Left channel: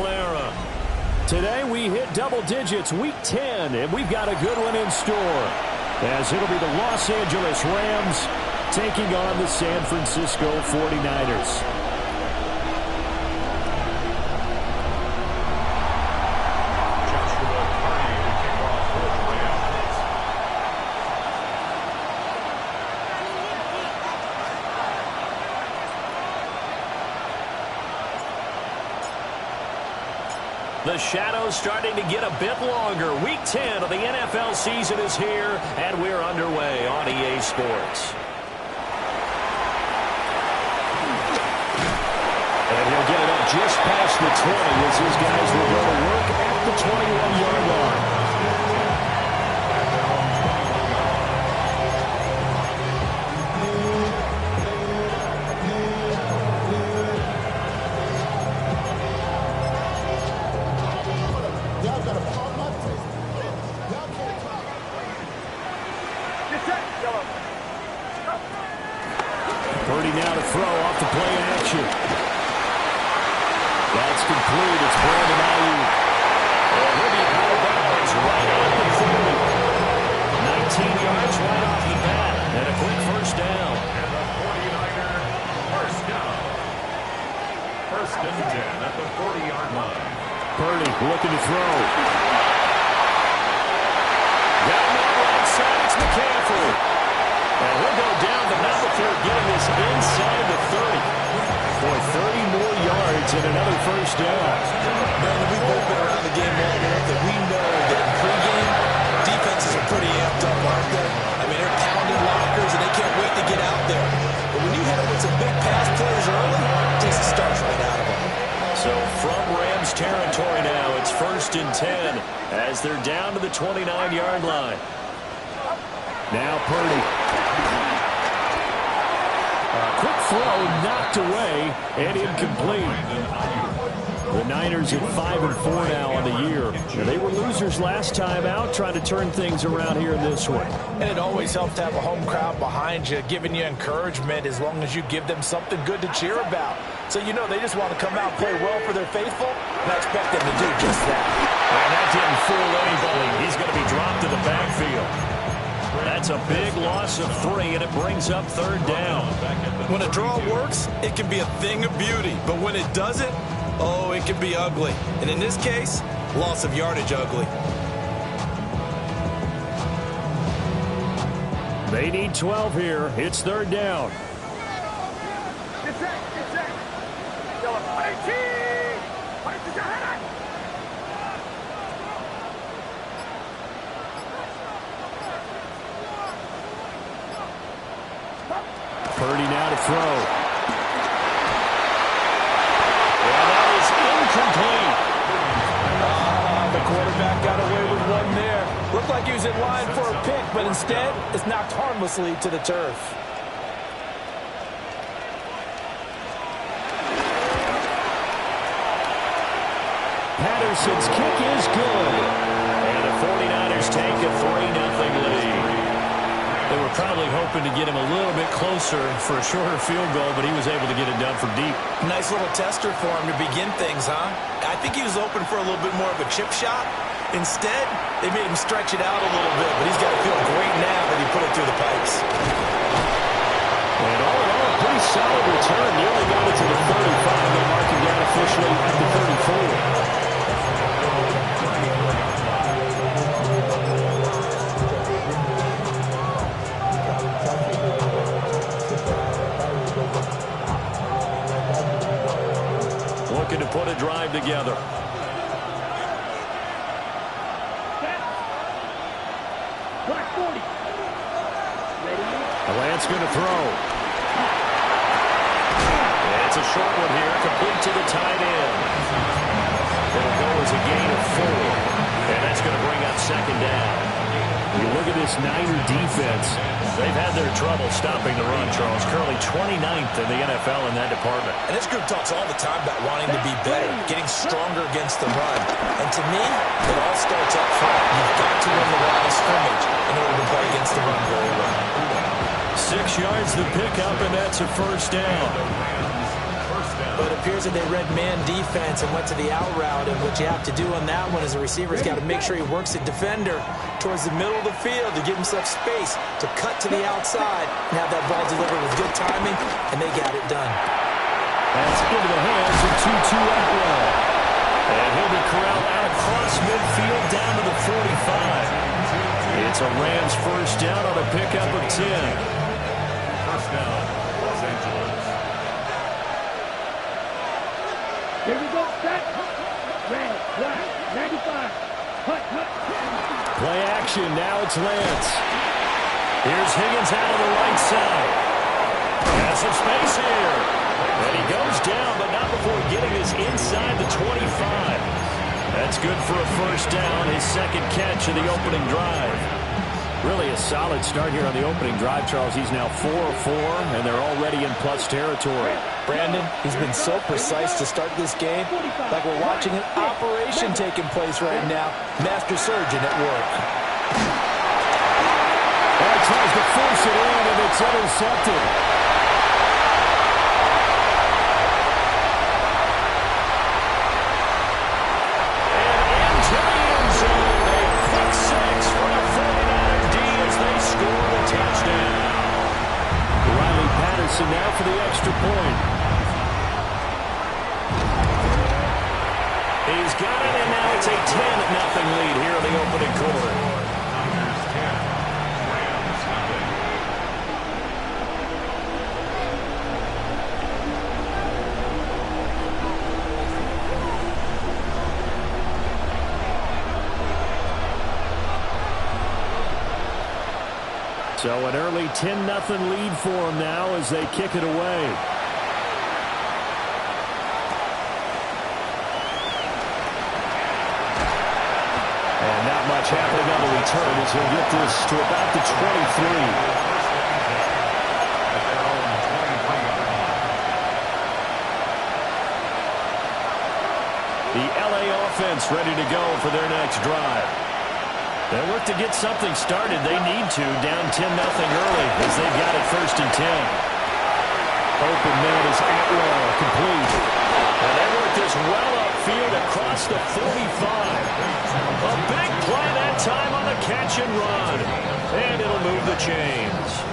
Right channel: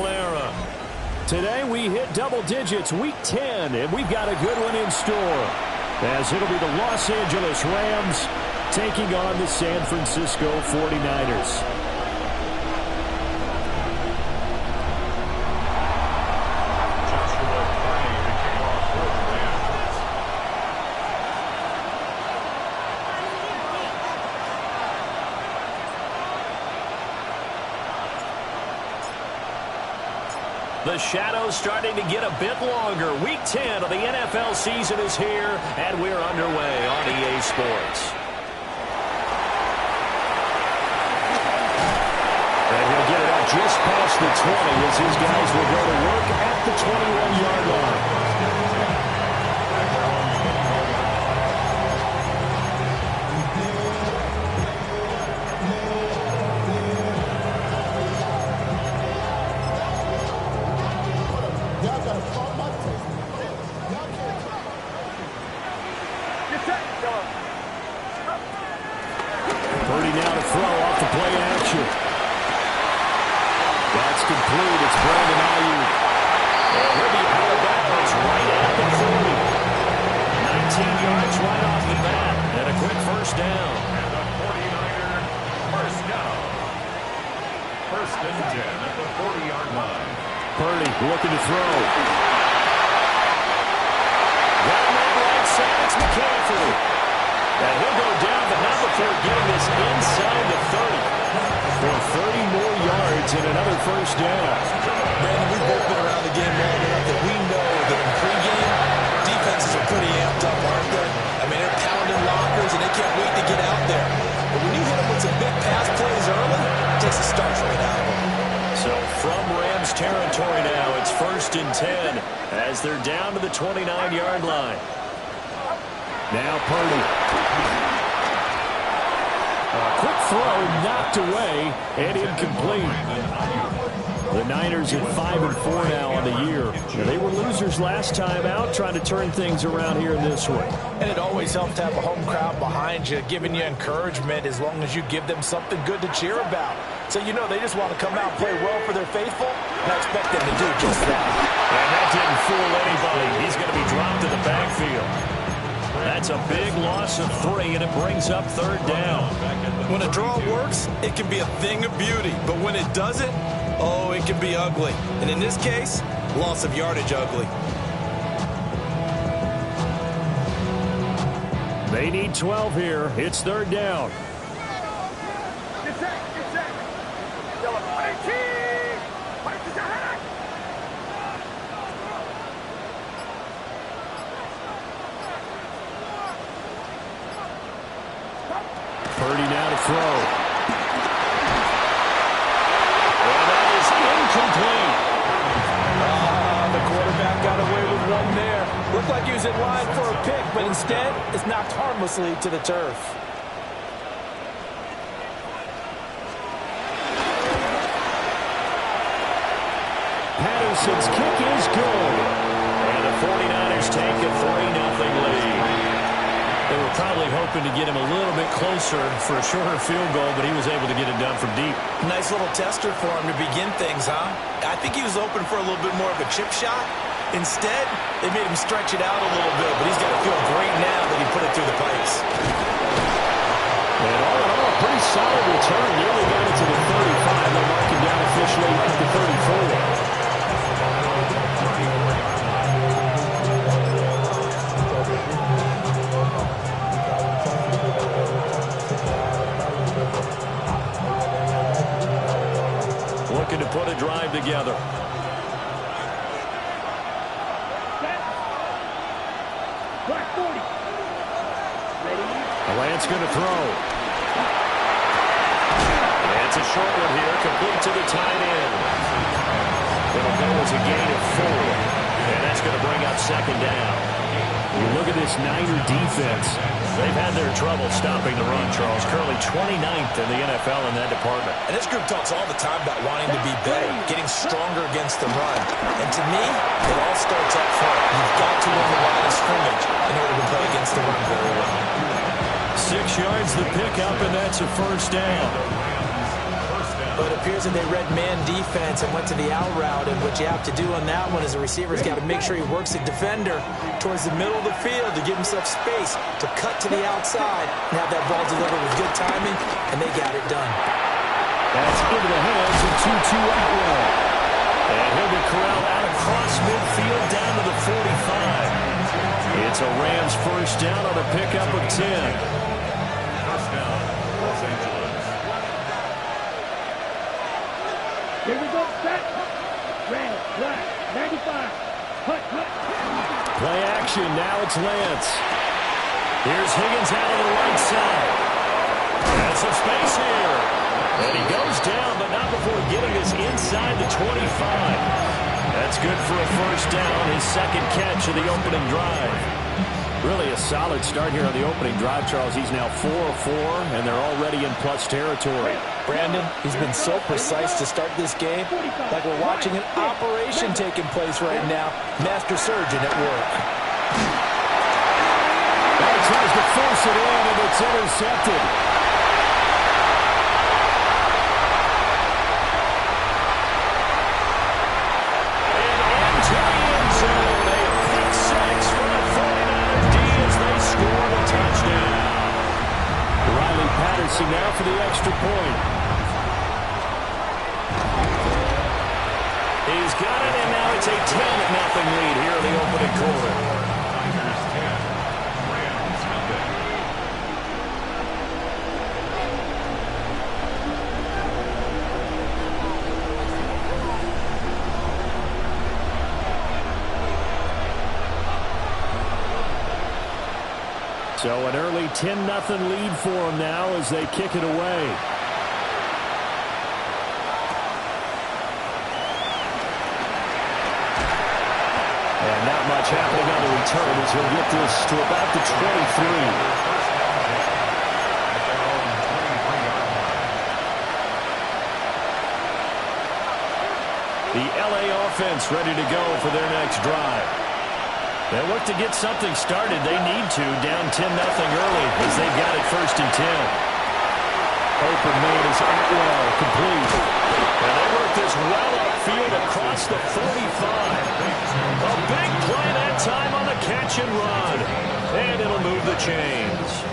Clara. Today we hit double digits, week 10, and we've got a good one in store, as it'll be the Los Angeles Rams taking on the San Francisco 49ers. The shadow's starting to get a bit longer. Week 10 of the NFL season is here, and we're underway on EA Sports. And he'll get it up just past the 20 as his guys will go to work at the 21-yard line. Purdy now to throw off the play action. That's complete. It's Brandon Ayuk. And he'll be out of bounds right at the 40. 19 yards right off the bat. And a quick first down. And the 49er first down. First and 10 at the 40-yard line. Purdy looking to throw. Down that right side, it's McCaffrey. And he'll go down, but not before getting this inside the 30. For 30 more yards and another first down. Brandon, we've both been around the game long enough that we know that in pregame, defenses are pretty amped up, aren't they? I mean, they're pounding lockers, and they can't wait to get out there. But when you hit them with some big pass plays early, it takes the starch right out of them. So from Rams territory now, it's first and 10 as they're down to the 29-yard line. Now Purdy. A quick throw knocked away and incomplete. The Niners at 5-4 now on the year. Now, they were losers last time out, trying to turn things around here in this one. And it always helps to have a home crowd behind you, giving you encouragement as long as you give them something good to cheer about. So you know they just want to come out and play well for their faithful, and I expect them to do just that. And that didn't fool anybody. He's going to be dropped to the backfield. That's a big loss of 3, and it brings up third down. When a draw works, it can be a thing of beauty. But when it doesn't, oh, it can be ugly. And in this case, loss of yardage ugly. They need 12 here. It's third down. Purdy now to throw. And that is incomplete. The quarterback got away with one there. Looked like he was in line for a pick, but instead, it's knocked harmlessly to the turf. Patterson's kick is good. And the 49ers take a 3-0 lead. They were probably hoping to get him a little bit closer for a shorter field goal, but he was able to get it done from deep. Nice little tester for him to begin things, huh? I think he was open for a little bit more of a chip shot. Instead, they made him stretch it out a little bit, but he's got to feel great now that he put it through the pipes. And all in all, a pretty solid return. Nearly got it to the 35. They'll mark him down officially at the 34. Looking to put a drive together. Lance going to throw. And it's a short one here, complete to the tight end. It'll go as a gain of 4. And that's going to bring up second down. You look at this Niner defense. They've had their trouble stopping the run, Charles. Currently 29th in the NFL in that department. And this group talks all the time about wanting to be better, getting stronger against the run. And to me, it all starts up front. You've got to win the line of scrimmage in order to play against the run very well. 6 yards the pickup, and that's a first down. down. But it appears that they read man defense and went to the out route, and what you have to do on that one is the receiver's got to make sure he works the defender towards the middle of the field to give himself space to cut to the outside and have that ball delivered with good timing, and they got it done. That's into the hands of Tutu Atwell. And he'll be corralled out across midfield down to the 45. It's a Rams first down on a pickup of 10. First down, Los Angeles. Here we go, set. Red, black, 95. Hut, hut. Play action, now it's Lance. Here's Higgins out of the right side. Has some space here. And he goes down, but not before getting this inside the 25. That's good for a first down, his second catch of the opening drive. Really a solid start here on the opening drive, Charles. He's now 4 of 4, and they're already in plus territory. Brandon, he's been so precise to start this game, like we're watching an operation taking place right now. Master surgeon at work. Well, he tries to force it in, and it's intercepted. Now for the extra point. He's got it, and now it's a 10-0 lead here in the opening quarter. Niners 10, Rams nothing. So an early 10-0 lead for them now as they kick it away. And not much happening on the return as he'll get this to about the 23. At their own 23-yard line. The LA offense ready to go for their next drive. They'll look to get something started. They need to, down 10-0 early as they've got it first and 10. Open man is Atwell, complete. And they work this well upfield across the 45. A big play that time on the catch and run. And it'll move the chains.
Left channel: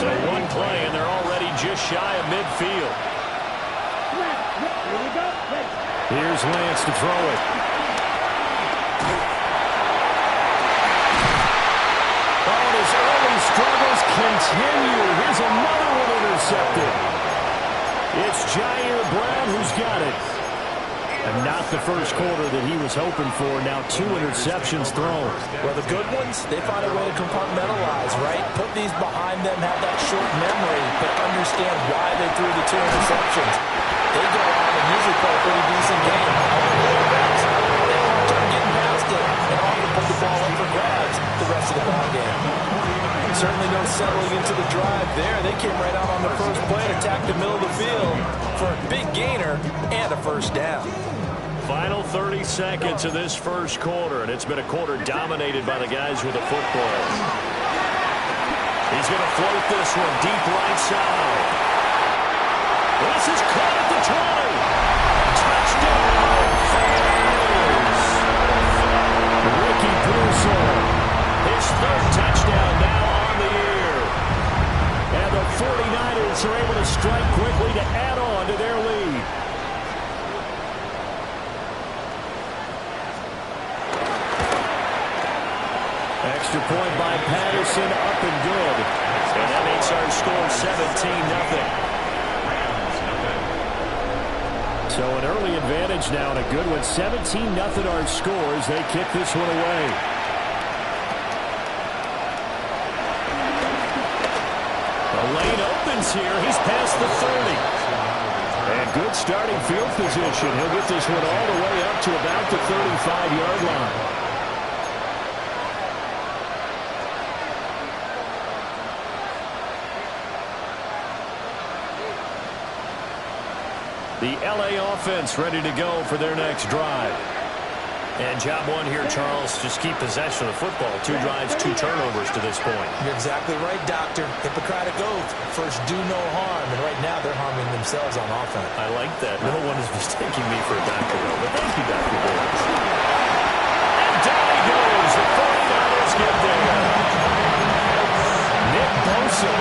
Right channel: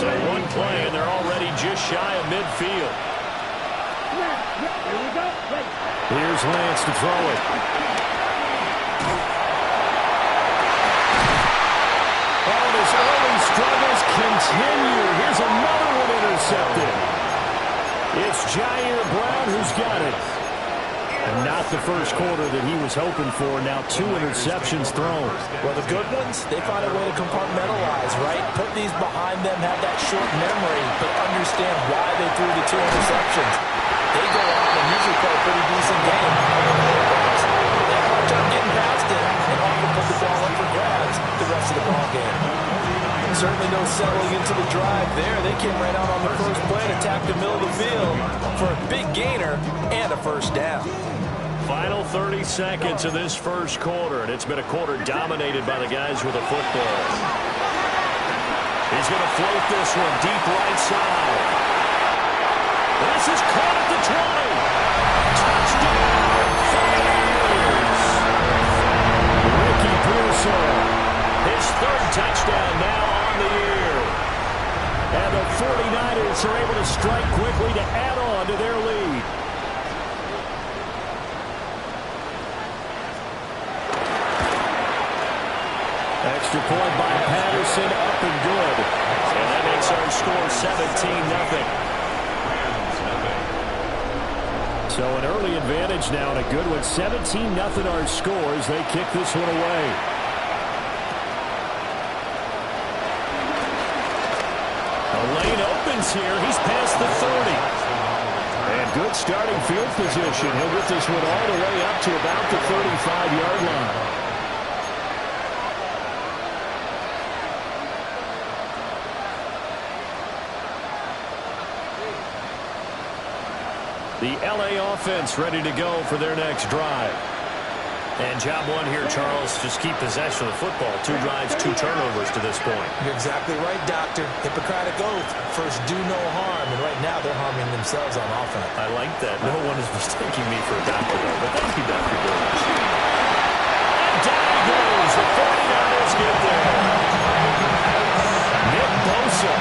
So one play, and they're already just shy of midfield. Here we go. Here's Lance to throw it. His early struggles continue. Here's another one intercepted. It's Jair Brown who's got it. And not the first quarter that he was hoping for. Now 2 interceptions thrown. Well, the good ones, they find a way to compartmentalize, right? Put these behind them, have that short memory, but understand why they threw the 2 interceptions. They go on and usually play a pretty decent game. Although the quarterbacks, they have a hard time getting past it and often put the ball up for grabs the rest of the ball game. Certainly no settling into the drive there. They came right out on the first play and attacked the middle of the field for a big gainer and a first down. Final 30 seconds of this first quarter, and it's been a quarter dominated by the guys with the football. He's going to float this one deep right side. This is caught at the 20. Touchdown, Flyers! Ricky Pearsall, his third touchdown now on the year. And the 49ers are able to strike quickly to add on to their lead. Extra point by Patterson, up and good. And that makes our score 17-0. So an early advantage now and a good one. 17-0 our scores. They kick this one away. The lane opens here. He's past the 30. And good starting field position. He'll get this one all the way up to about the 35-yard line. The LA offense ready to go for their next drive. And job one here, Charles, just keep possession of the football. 2 drives, 2 turnovers to this point. You're exactly right, Doctor. Hippocratic oath. First, do no harm. And right now, they're harming themselves on offense. I like that. No one is mistaking me for a doctor, though. But thank you, Dr. Davis. And down he goes. The 49ers get there. Nick Bosa.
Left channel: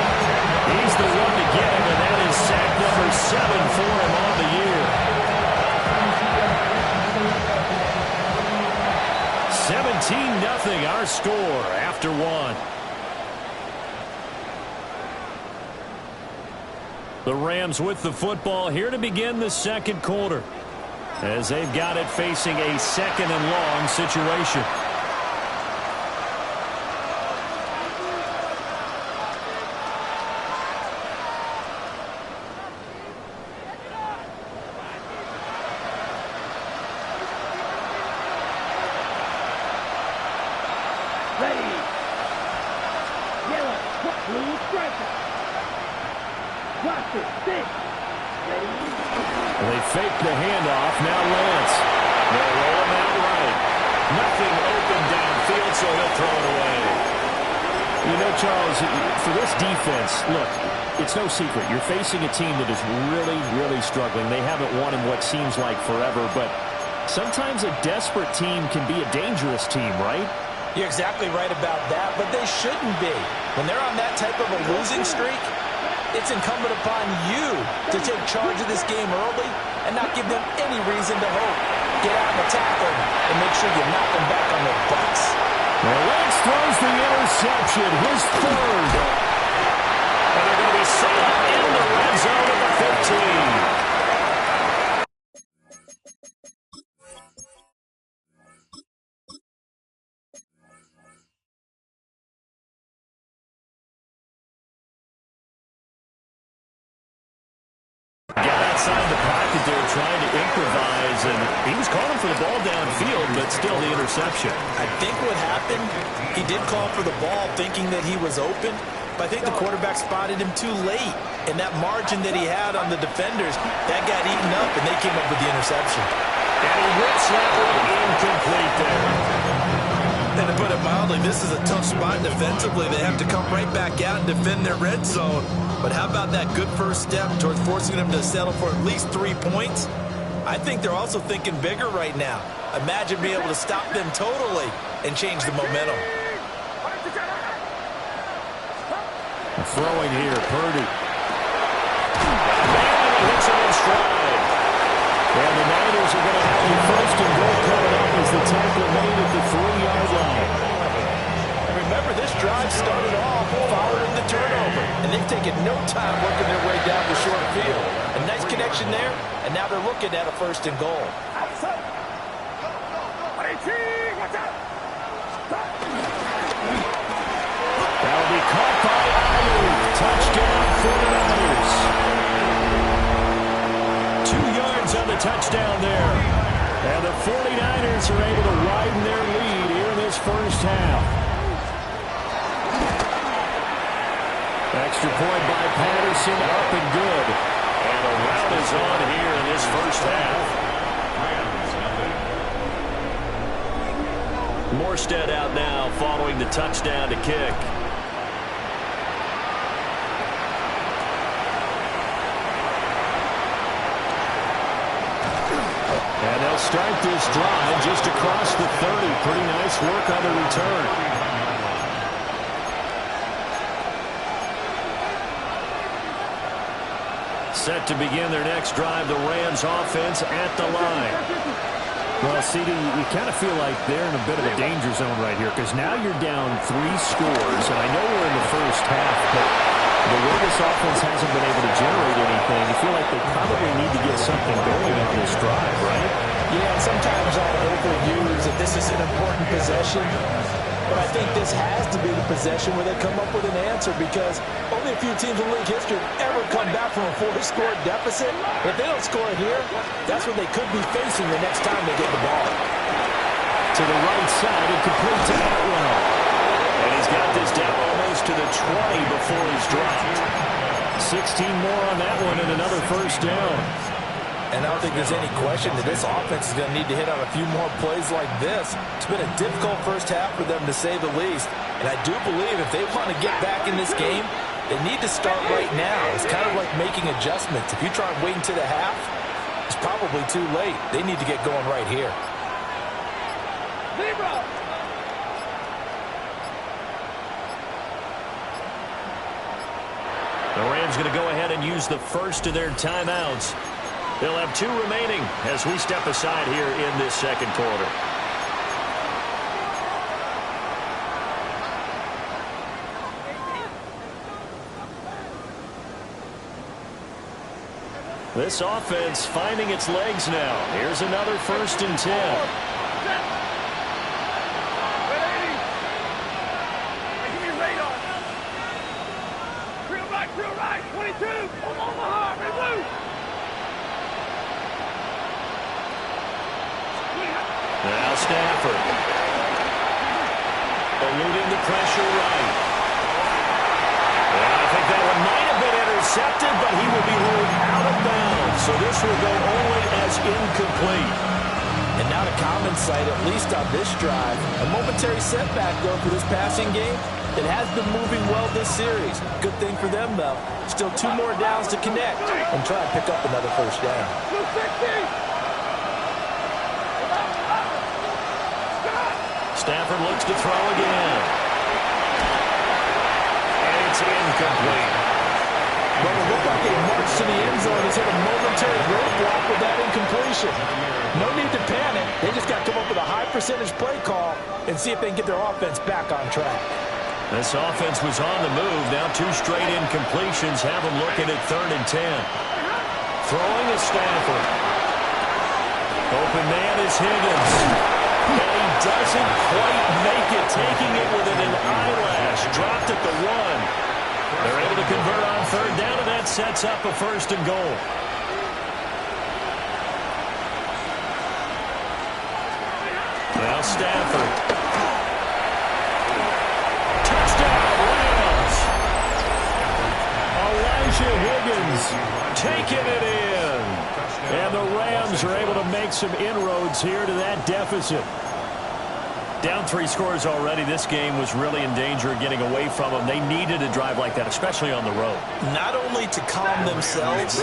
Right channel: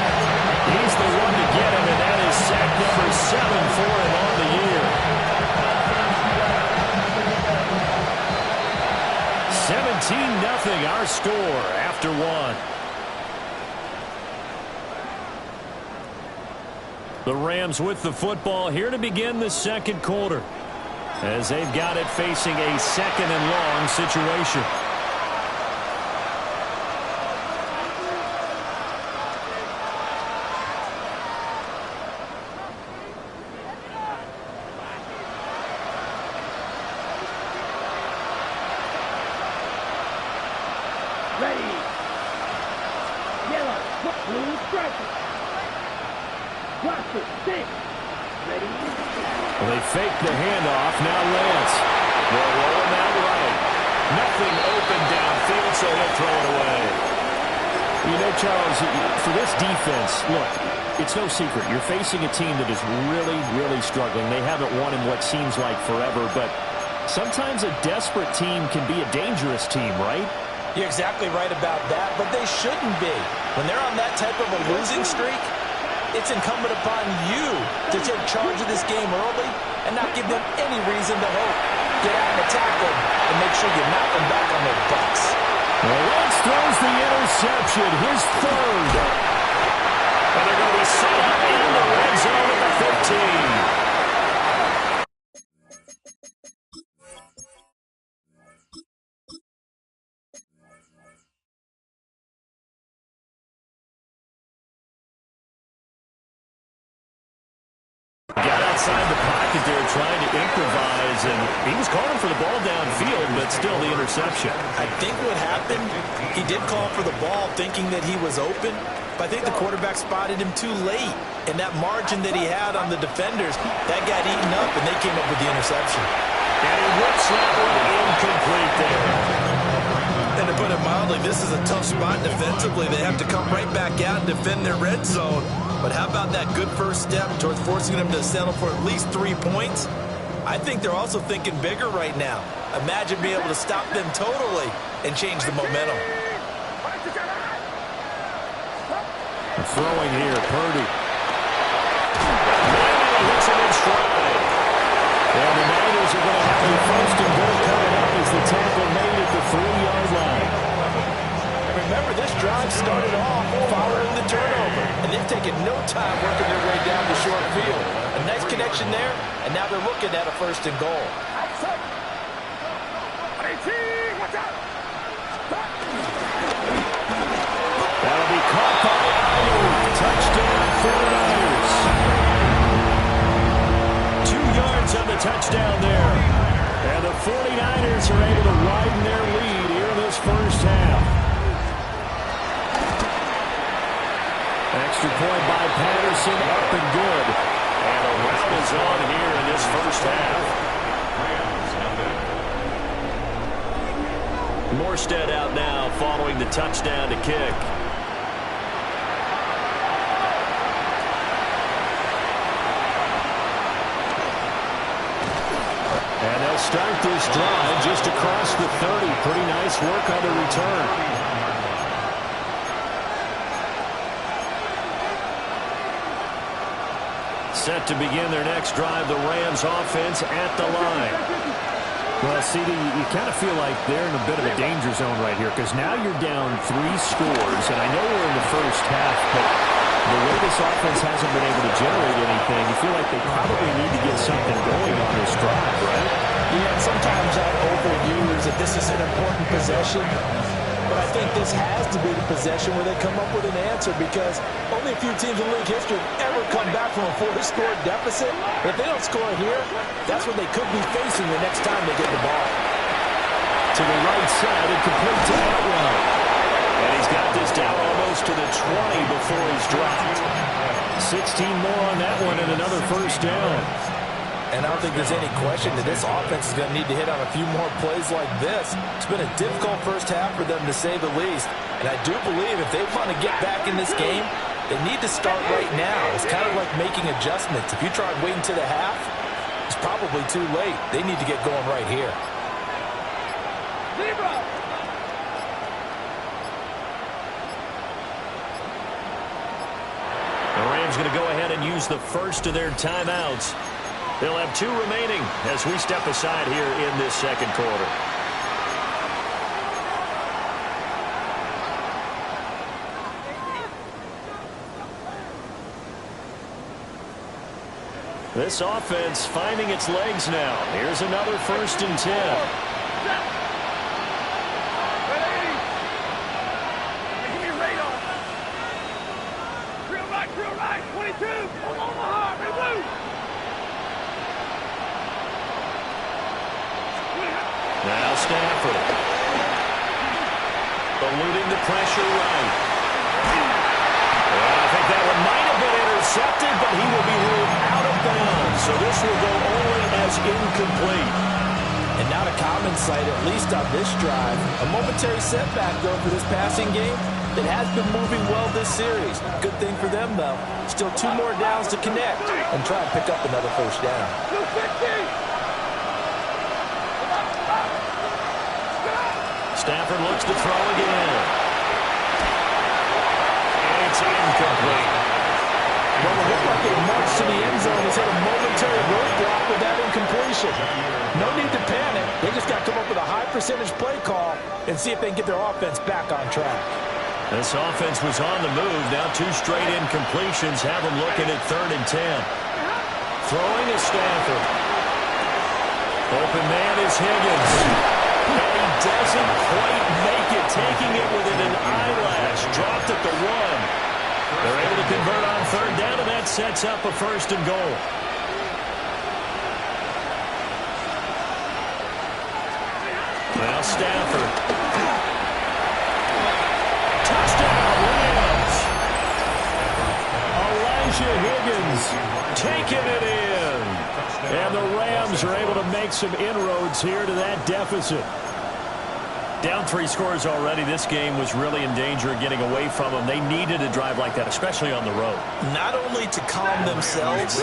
He's the one to get him, and that is sack number 7 for him on the year. 17-0 our score after 1. The Rams with the football here to begin the second quarter, as they've got it facing a 2nd and long situation. Ready. Yellow. Blue striker. Roster. 6. Ready. Well, they fake the handoff. Now Lance. They'll roll him out right. Nothing open downfield, so he'll throw it away. You know, Charles, for this defense, look, it's no secret. You're facing a team that is really, really struggling. They haven't won in what seems like forever, but sometimes a desperate team can be a dangerous team, right? You're exactly right about that, but they shouldn't be. When they're on that type of a losing streak, it's incumbent upon you to take charge of this game early and not give them any reason to hope. Get out and attack them and make sure you knock them back on their butts. Well, Lance throws the interception, his 3rd. And they're going to be set up in the red zone at the 15. Got outside the pocket there trying to improvise, and he was calling for the ball downfield, but still the interception. I think what happened, he did call for the ball thinking that he was open, but I think the quarterback spotted him too late, and that margin that he had on the defenders, that got eaten up, and they came up with the interception. And he whips that one incomplete there. And to put it mildly, this is a tough spot defensively. They have to come right back out and defend their red zone. But how about that good first step towards forcing them to settle for at least 3 points? I think they're also thinking bigger right now. Imagine being able to stop them totally and change the momentum. Throwing here, Purdy. Man, and he hits him in stride. And the Niners are going to have a 1st and goal coming up as the tackle made at the 3-yard line. And remember, this drive started off following the turnover, and they've taken no time working their way down the short field. A nice connection there, and now they're looking at a 1st and goal. That'll be caught by Ayuk. Touchdown, 49ers. 2 yards on the touchdown there. And the 49ers are able to widen their lead here in this first half. Extra point by Patterson, up and good. And a rout is on here in this first half. Morstead out now following the touchdown to kick. And they'll start this drive just across the 30. Pretty nice work on the return. Set to begin their next drive, the Rams offense at the line. Well, CD, you kind of feel like they're in a bit of a danger zone right here because now you're down 3 scores, and I know we're in the first half, but the way this offense hasn't been able to generate anything, you feel like they probably need to get something going on this drive, right? Yeah, and sometimes I overuse that this is an important possession. But I think this has to be the possession where they come up with an answer because only a few teams in league history have ever come back from a 4-score deficit. But if they don't score here, that's what they could be facing the next time they get the ball. To the right side and complete to Atwell. And he's got this down almost to the 20 before he's dropped. 16 more on that one and another first down. And I don't think there's any question that this offense is going to need to hit on a few more plays like this. It's been a difficult first half for them, to say the least. And I do believe if they want to get back in this game, they need to start right now. It's kind of like making adjustments. If you try and wait until the half, it's probably too late. They need to get going right here. Zero. The Rams going to go ahead and use the first of their timeouts. They'll have 2 remaining as we step aside here in this second quarter. This offense finding its legs now. Here's another 1st and 10. Drill right, 22, Omaha, red blue. Now Stafford. Eluding the pressure right. I think that one might have been intercepted, but he will be ruled out of bounds. So this will go only as incomplete. And not a common sight, at least on this drive. A momentary setback, though, for this passing game. It has been moving well this series. Good thing for them, though. Still 2 more downs to connect and try and pick up another first down. Stafford looks to throw again. And it's incomplete. Well, it looked like a march to the end zone has hit a momentary roadblock with that incompletion. No need to panic. They just got to come up with a high percentage play call and see if they can get their offense back on track. This offense was on the move. Now 2 straight incompletions have them looking at 3rd and 10. Throwing is Stafford. Open man is Higgins. And he doesn't quite make it, taking it within an eyelash. Dropped at the 1. They're able to convert on 3rd down, and that sets up a 1st and goal. Now Stafford. Touchdown, Rams. Elijah Higgins taking it in. And the Rams are able to make some inroads here to that deficit. Down 3 scores already. This game was really in danger of getting away from them. They needed a drive like that, especially on the road. Not only to calm themselves,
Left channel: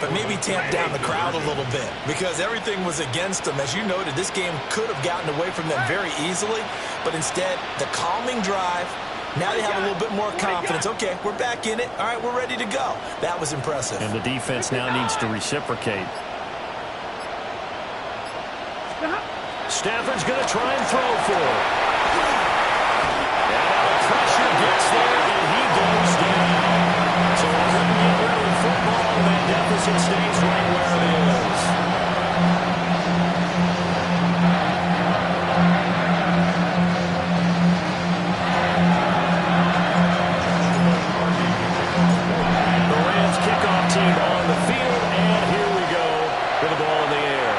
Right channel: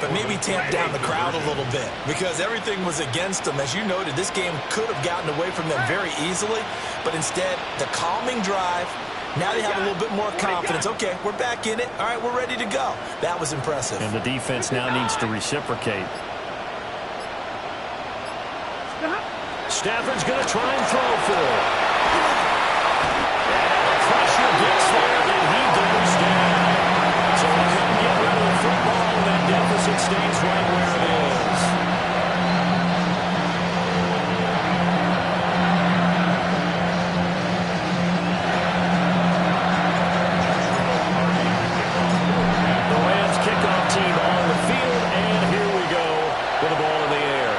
but maybe tamp down the crowd a little bit, because everything was against them. As you noted, this game could have gotten away from them very easily, but instead, the calming drive, now they have a little bit more confidence. Okay, we're back in it. All right, we're ready to go. That was impressive. And the defense now needs to reciprocate. Stafford's going to try and throw for it. And now the pressure gets there, and he goes down. So they couldn't get rid of the football, and that deficit stays right where it is. The Rams kickoff team on the field, and here we go with the ball in the air.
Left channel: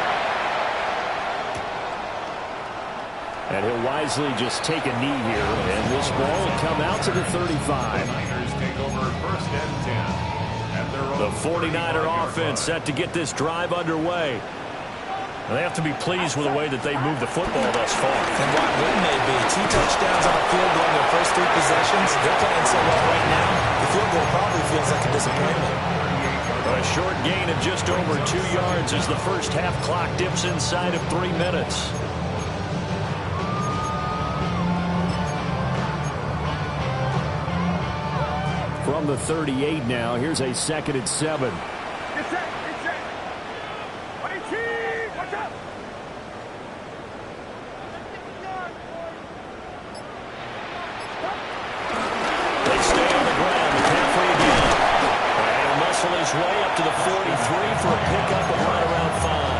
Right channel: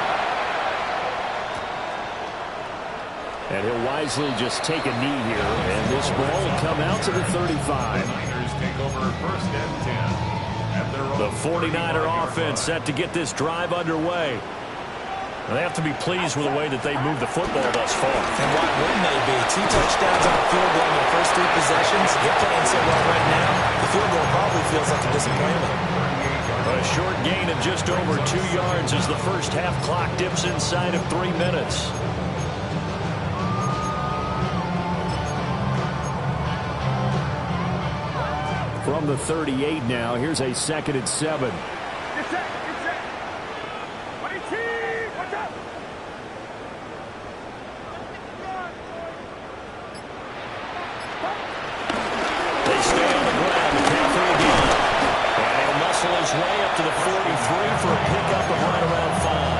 And he'll wisely just take a knee here, and this ball will come out to the 35. Niners take over 1st and 10. At their own The 49er offense set to get this drive underway. And they have to be pleased with the way that they moved the football thus far. And why wouldn't they be? 2 touchdowns on the field goal in their first 3 possessions. They're playing so well right now, the field goal probably feels like a disappointment. A short gain of just over 2 yards as the first half clock dips inside of 3 minutes. From the 38 now, here's a 2nd and 7. Get set, get set. 22, watch out. They stay on the ground. McCaffrey again. And he'll muscle his way up to the 43 for a pickup of right around 5.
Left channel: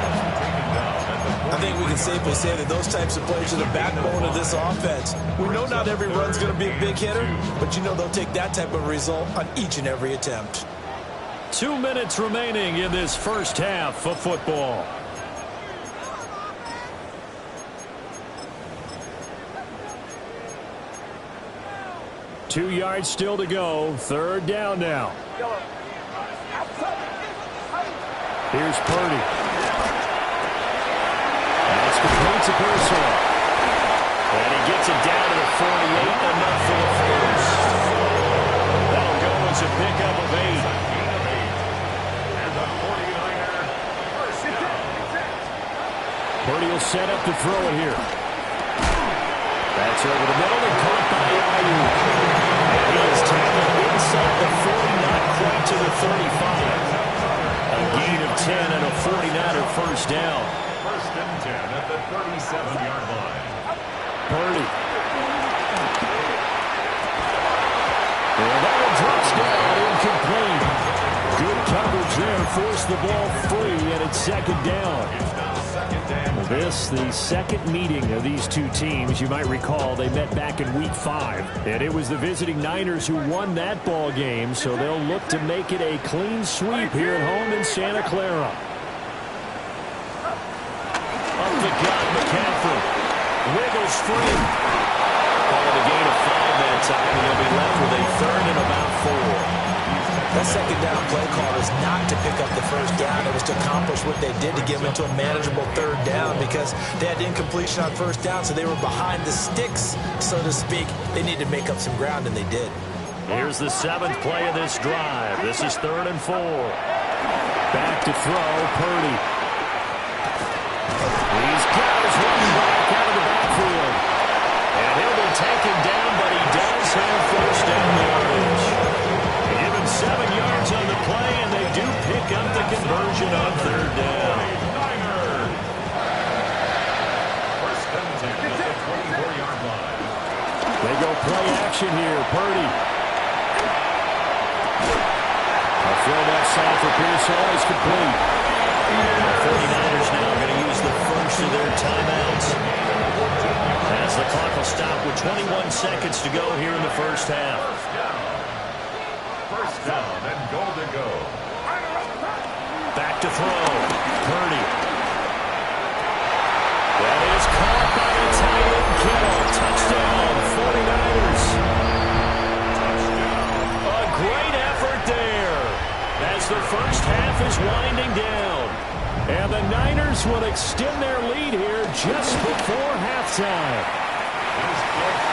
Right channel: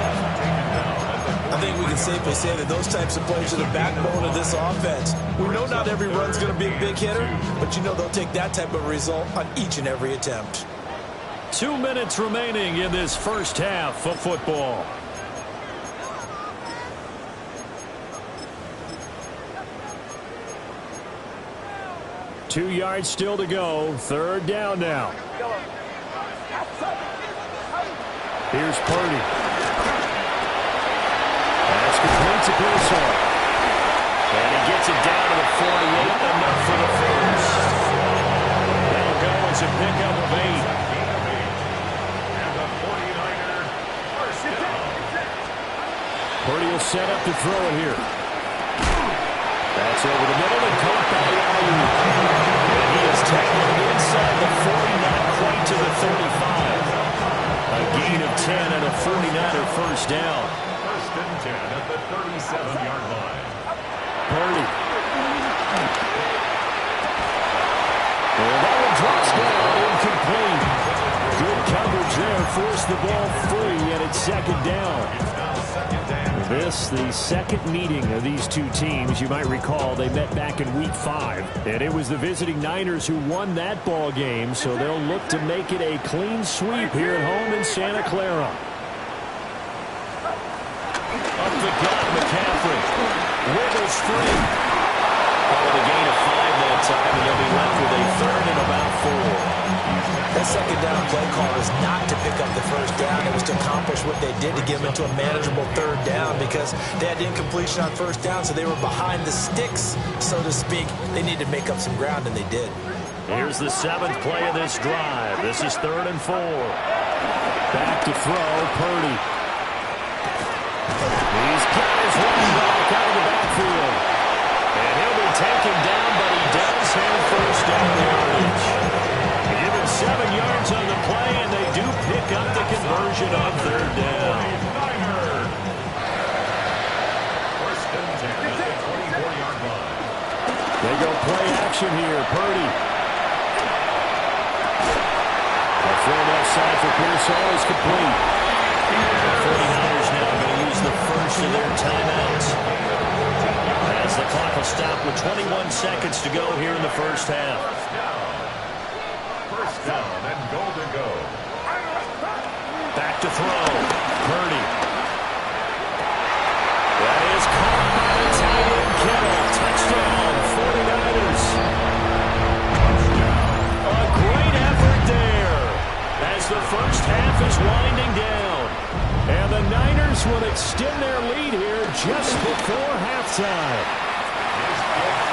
I think we can safely say that those types of plays are the backbone of this offense. We know not every run's going to be a big hitter, but you know they'll take that type of result on each and every attempt. 2 minutes remaining in this first half of football. Two yards still to go. 3rd down now. Here's Purdy. That's complete to Pearsall. And he gets it down to the 48, enough for the first. That'll go as a pickup of 8. And the 49er first down. Purdy will set up to throw it here. That's over the middle and caught by Ayuk. And he is tackled inside the 40, not quite to the 35. A gain of 10 and a 49er first down. First and 10 at the 37-yard line. Purdy. And that one drops down, incomplete. Good coverage there, forced the ball free, and it's second down. It's now second down. This, the second meeting of these two teams. You might recall they met back in Week 5, and it was the visiting Niners who won that ball game, so they'll look to make it a clean sweep here at home in Santa Clara. Up the gut, McCaffrey. Wiggles free. Calling a gain of 5 that time, and they'll be left with a third and about 4. That second down play call was not to pick up the first down. It was to accomplish what they did to get them into a manageable third down because they had incompletion on first down, so they were behind the sticks, so to speak. They needed to make up some ground, and they did. Here's the 7th play of this drive. This is 3rd and 4. Back to throw, Purdy. He's got his running back out of the backfield. And he'll be taken down, but he does have first down yardage. Given 7 yards on the play, and they do pick up the conversion on 3rd down. First and 10 at the 24-yard line. They go play action here. Purdy. A throw left side for Pearsall is complete. The 49ers now going to use the first of their timeouts, as the clock will stop with 21 seconds to go here in the first half. First down and goal to go. Back to throw. Purdy. That is caught by the tight end Kittle. Touchdown, 49ers. Touchdown. A great effort there as the first half is winding down. And the Niners will extend their lead here just before halftime.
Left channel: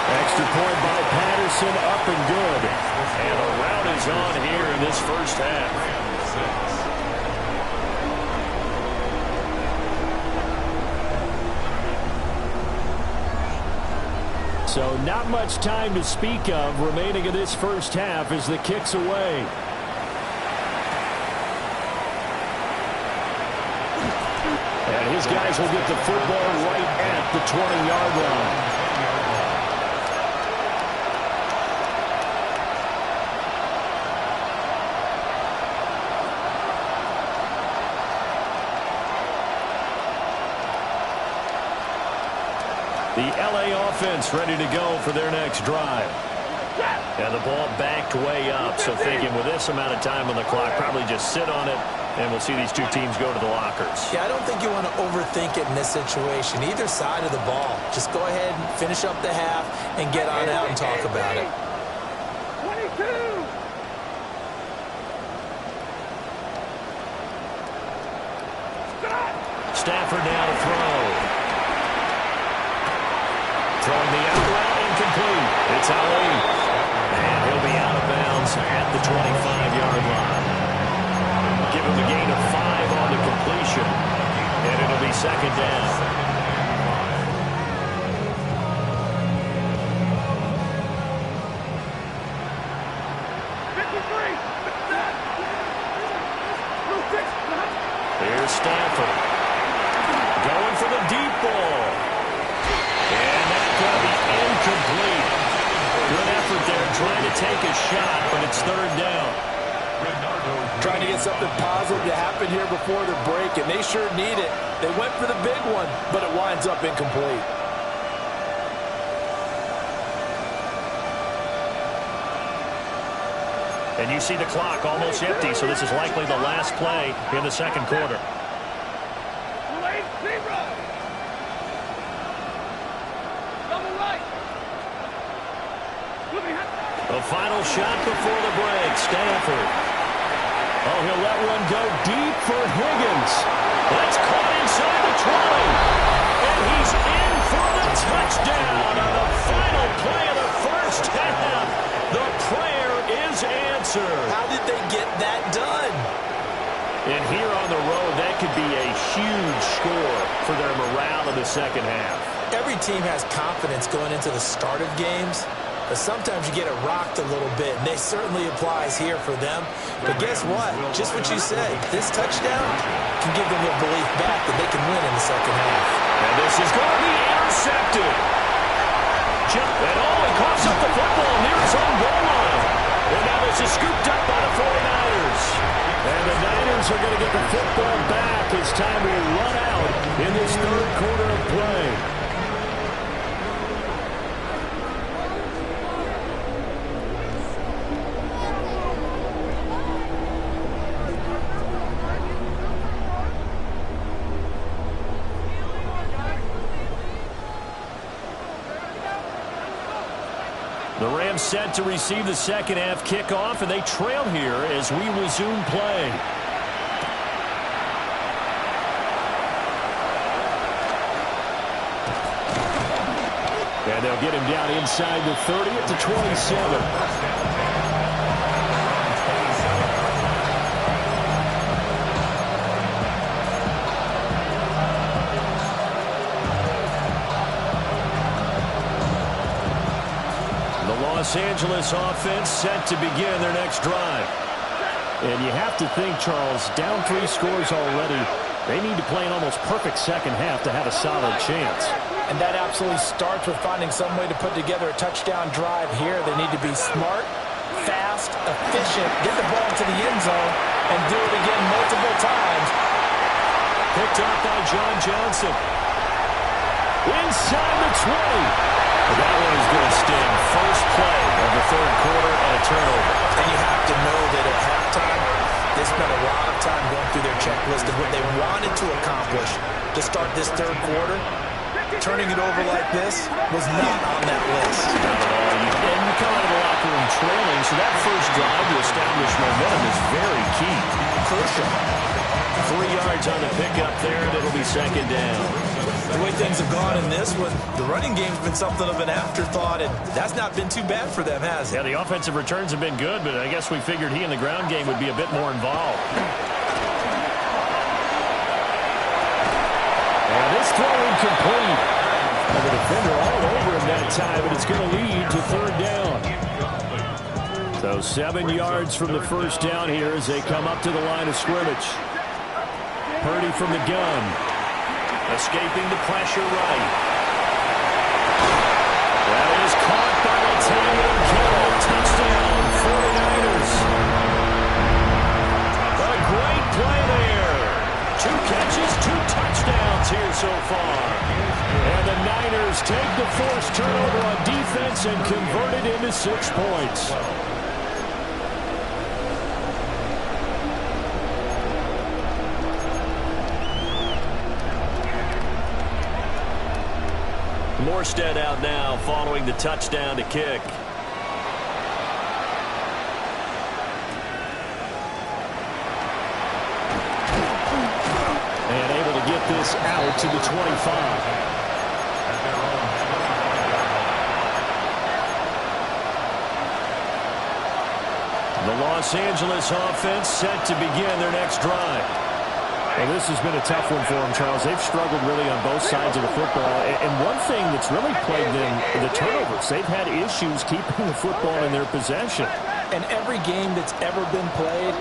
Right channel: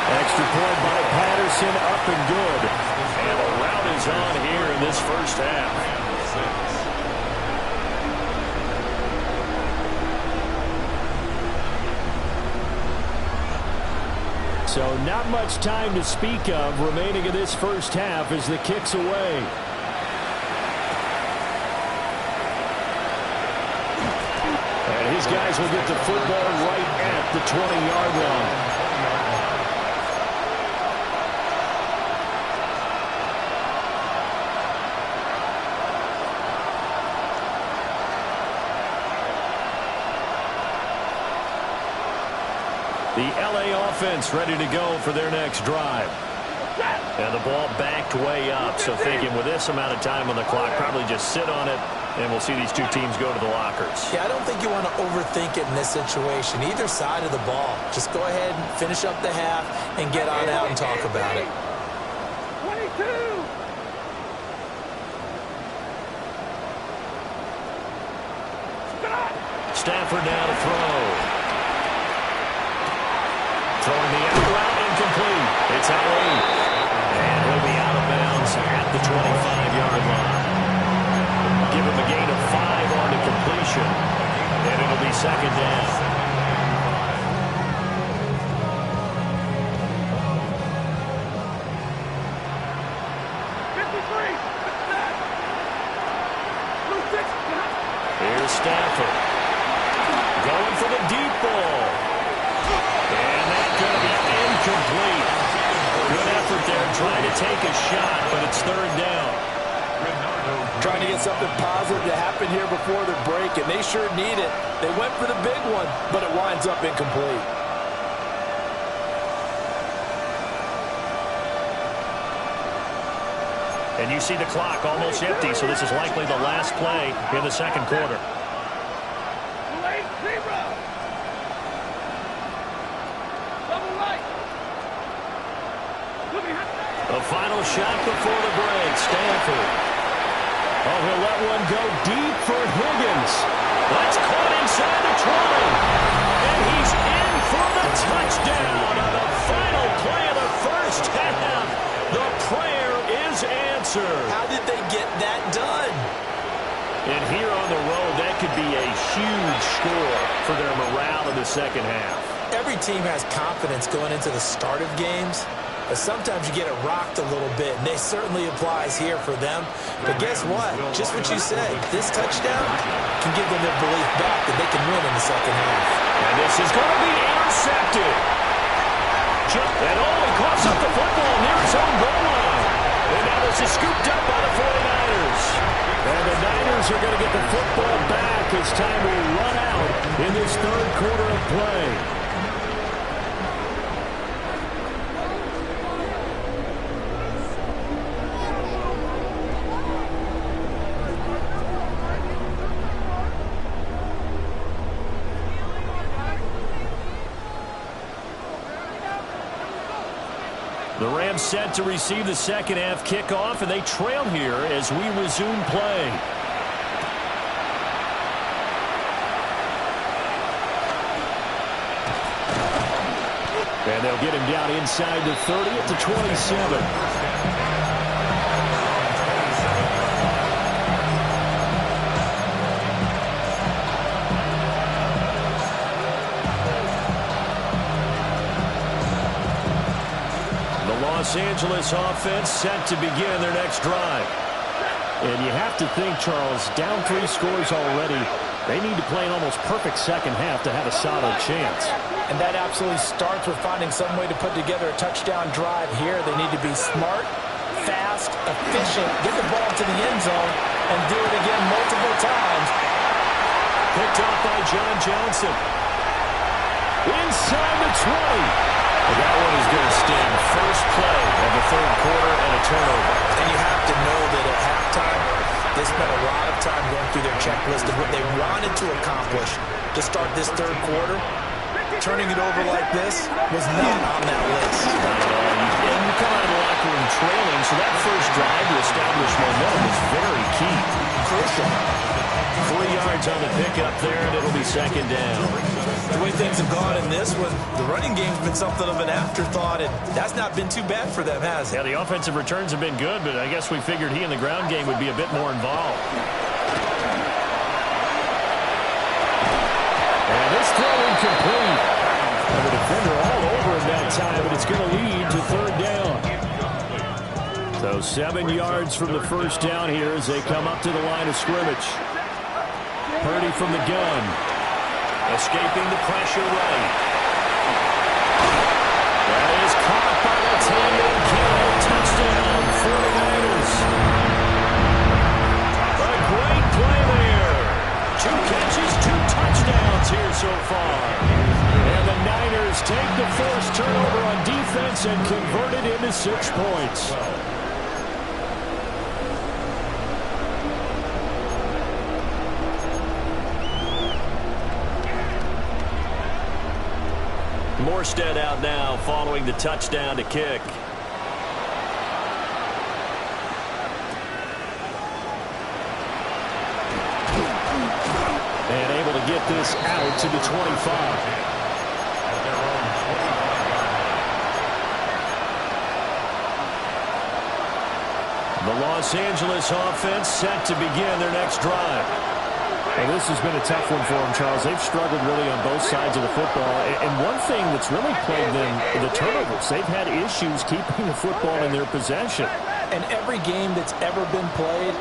Extra point by Patterson, up and good. And a rout is on here in this first half. So not much time to speak of remaining in this first half as the kick's away. And his guys will get the football right at the 20-yard line. The LA offense ready to go for their next drive. And the ball backed way up, so thinking with this amount of time on the clock, probably just sit on it, and we'll see these two teams go to the lockers. Yeah, I don't think you want to overthink it in this situation, either side of the ball. Just go ahead and finish up the half and get on out and talk about it. 22! Stafford now to throw. Throwing the out route, incomplete. It's Ali. And he'll be out of bounds at the 25-yard line. Give him a gain of 5 on the completion. And it'll be second down. Here's Stafford. Going for the deep ball. And that's going to be incomplete. Good effort there, trying to take a shot, but it's third down. Trying to get something positive to happen here before the break, and they sure need it. They went for the big one, but it winds up incomplete. And you see the clock almost empty, so this is likely the last play in the second quarter. A final shot before the break. Stafford. Oh, he'll let one go deep for Higgins. That's caught inside the 20. And he's in for the touchdown on the final play of the first half. The prayer is answered. How did they get that done? And here on the road, that could be a huge score for their morale in the second half. Every team has confidence going into the start of games, but sometimes you get it rocked a little bit, and it certainly applies here for them. But guess what? Just what you said, this touchdown can give them their belief back that they can win in the second half. And this is going to be intercepted. And he coughs up the football near his own goal line. And now this is scooped up by the 49ers. And the Niners are going to get the football back as time will run out in this third quarter of play. The Rams set to receive the second half kickoff, and they trail here as we resume play. And they'll get him down inside the 30 at the 27. Los Angeles offense set to begin their next drive. And you have to think, Charles, down 3 scores already. They need to play an almost perfect second half to have a solid chance. And that absolutely starts with finding some way to put together a touchdown drive here. They need to be smart, fast, efficient, get the ball to the end zone, and do it again multiple times. Picked off by John Johnson. Inside the 20. That one is going to sting. First play of the third quarter and a turnover. And you have to know that at halftime, they spent a lot of time going through their checklist of what they wanted to accomplish to start this third quarter. Turning it over like this was not on that list. Not at all. And you come out of the locker room trailing, so that first drive to establish momentum is very key. Crucial. 3 yards on the pickup there, and it'll be second down. The way things have gone in this one, the running game's been something of an afterthought, and that's not been too bad for them, has it? Yeah, the offensive returns have been good, but I guess we figured he in the ground game would be a bit more involved. And this throw incomplete. And the defender all over him that time, but it's going to lead to third down. So 7 yards from the first down here as they come up to the line of scrimmage. Purdy from the gun. Escaping the pressure right. That is caught by Latavian Kittle. Touchdown, 49ers. A great play there. 2 catches, 2 touchdowns here so far. And the Niners take the forced turnover on defense and convert it into 6 points. Morstead out now following the touchdown to kick. And able to get this out to the 25. At their own 25-yard line. The Los Angeles offense set to begin their next drive. Well, this has been a tough one for them, Charles. They've struggled really on both sides of the football. And one thing that's really plagued them, the turnovers. They've had issues keeping the football in their possession. And every game that's ever been played,